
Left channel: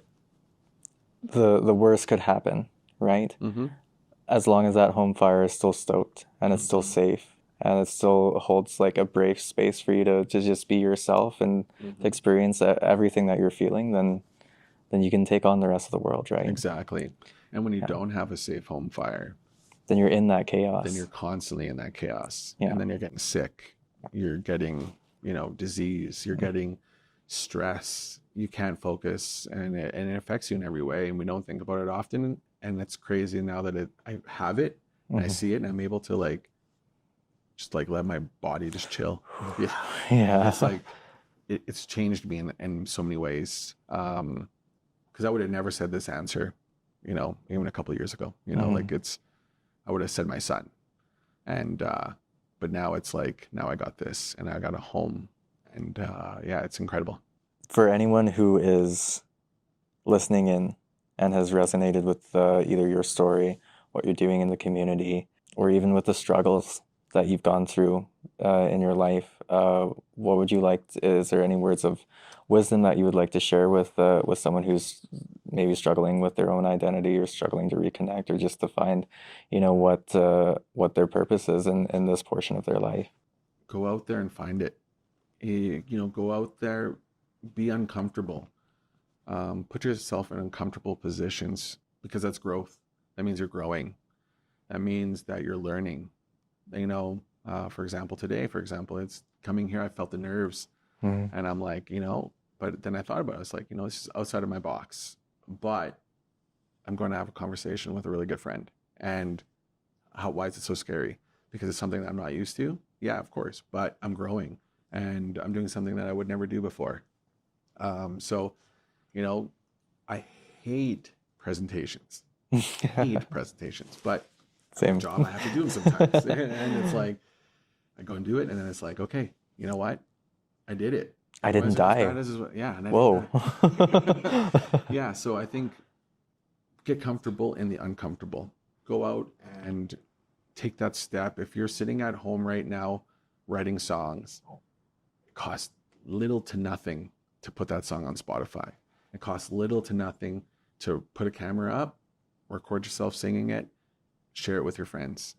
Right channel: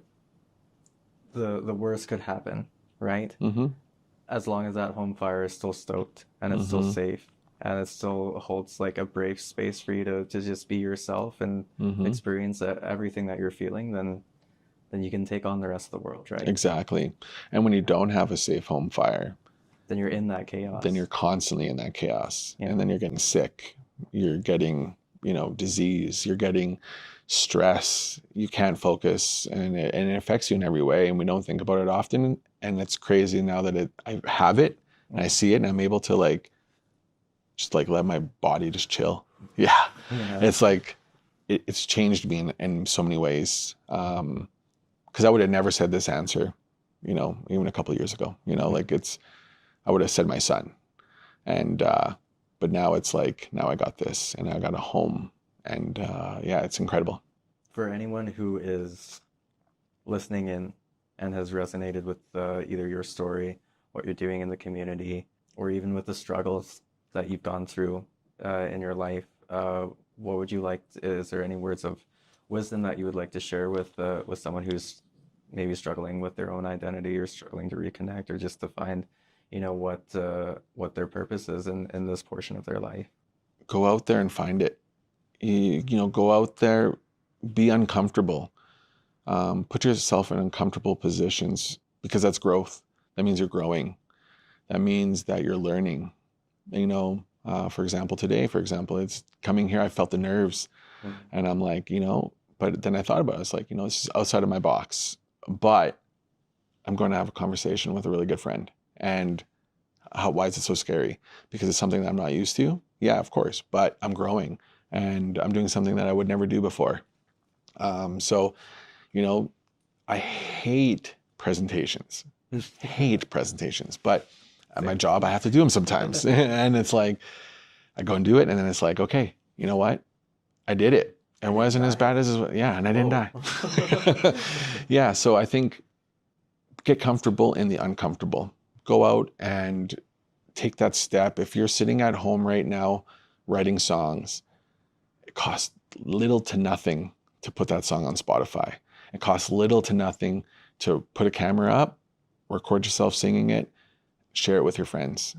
worst could happen, right? As long as that home fire is still stoked and it's still safe and it still holds like a brave space for you to just be yourself and experience everything that you're feeling, then you can take on the rest of the world, right? Exactly. And when you don't have a safe home fire, then you're in that chaos. Then you're constantly in that chaos. Yeah. And then you're getting sick. You're getting, disease. You're getting stress. You can't focus, and it affects you in every way. And we don't think about it often. And it's crazy now that I have it and I see it, and I'm able to just let my body just chill. Yeah. And it's like, it's changed me in so many ways. Because I would have never said this answer, even a couple of years ago, I would have said my son. And, but now it's like, now I got this and I got a home, and it's incredible. For anyone who is listening in and has resonated with either your story, what you're doing in the community, or even with the struggles that you've gone through in your life, what would you like? Is there any words of wisdom that you would like to share with someone who's maybe struggling with their own identity or struggling to reconnect, or just to find, what their purpose is in this portion of their life? Go out there and find it. Go out there, be uncomfortable. Put yourself in uncomfortable positions, because that's growth. That means you're growing. That means that you're learning. For example, today, it's coming here, I felt the nerves. And I'm like, but then I thought about it. It's like, this is outside of my box, but I'm going to have a conversation with a really good friend. And why is it so scary? Because it's something that I'm not used to. Yeah, of course, but I'm growing and I'm doing something that I would never do before. So, I hate presentations. But at my job, I have to do them sometimes. And it's like, I go and do it. And then it's like, okay, you know what? I did it. I wasn't as bad as, and I didn't die. Yeah. So I think get comfortable in the uncomfortable. Go out and take that step. If you're sitting at home right now, writing songs, it costs little to nothing to put that song on Spotify. It costs little to nothing to put a camera up, record yourself singing it, share it with your friends.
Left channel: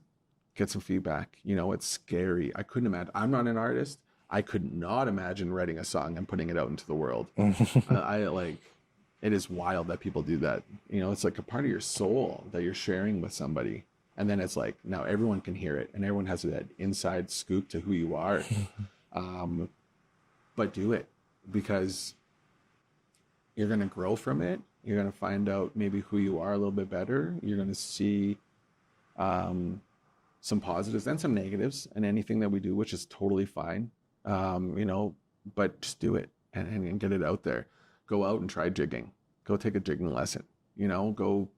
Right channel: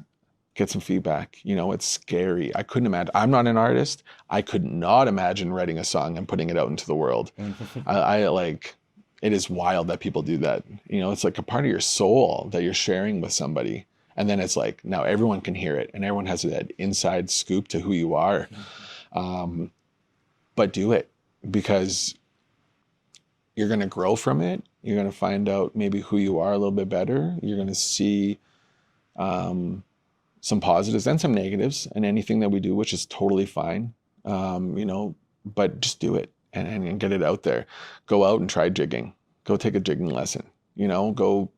Get some feedback. It's scary. I couldn't imagine. I'm not an artist. I could not imagine writing a song and putting it out into the world. It is wild that people do that. It's like a part of your soul that you're sharing with somebody. And then it's like, now everyone can hear it and everyone has that inside scoop to who you are. But do it, because you're going to grow from it. You're going to find out maybe who you are a little bit better. You're going to see, some positives and some negatives in anything that we do, which is totally fine. But just do it and get it out there. Go out and try jigging. Go take a jigging lesson. Go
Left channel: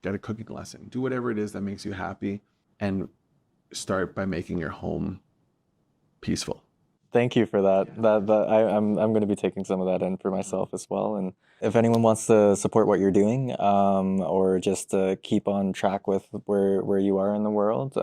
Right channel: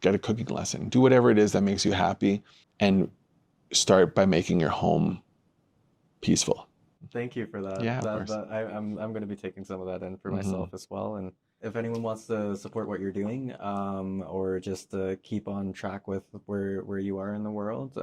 get a cooking lesson. Do whatever it is that makes you happy, and start by making your home peaceful. Thank you for that. Yeah, I'm going to be taking some of that in for myself as well. And if anyone wants to support what you're doing, or just to keep on track with where you are in the world,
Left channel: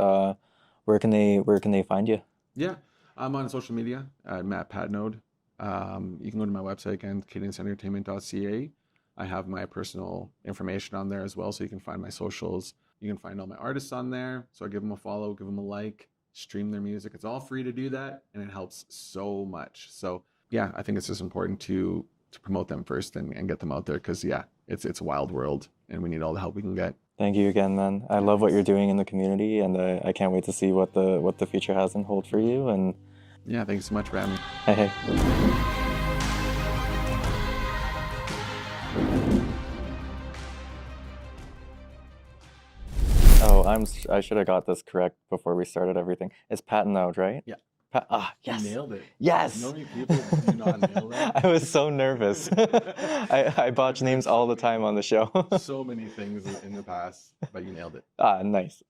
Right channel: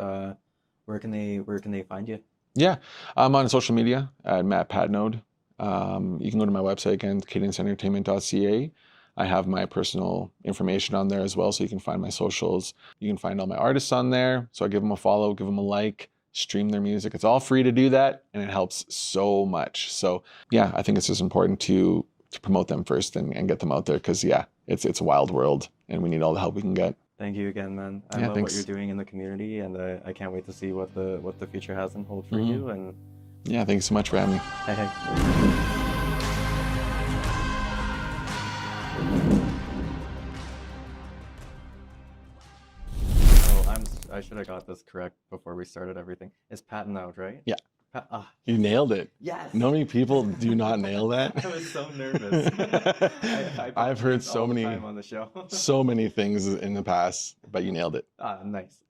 where can they find you? Yeah, I'm on social media at Mat Patenaude. You can go to my website again, cadenceentertainment.ca. I have my personal information on there as well, so you can find my socials. You can find all my artists on there. So I give them a follow, give them a like, stream their music. It's all free to do that, and it helps so much. So yeah, I think it's just important to promote them first and get them out there, because it's a wild world and we need all the help we can get. Thank you again, man. I love what you're doing in the community, and I can't wait to see what the future has in hold for you. And yeah, thanks so much for having me. Hey. I should have got this correct before we started everything. It's Patenaude, right? Yeah. You Yes. nailed it. Yes. You know how many people do not nail that? I was so nervous. I botch I've heard names all so the time many- on the show. So many things in the past, but you nailed it. Nice.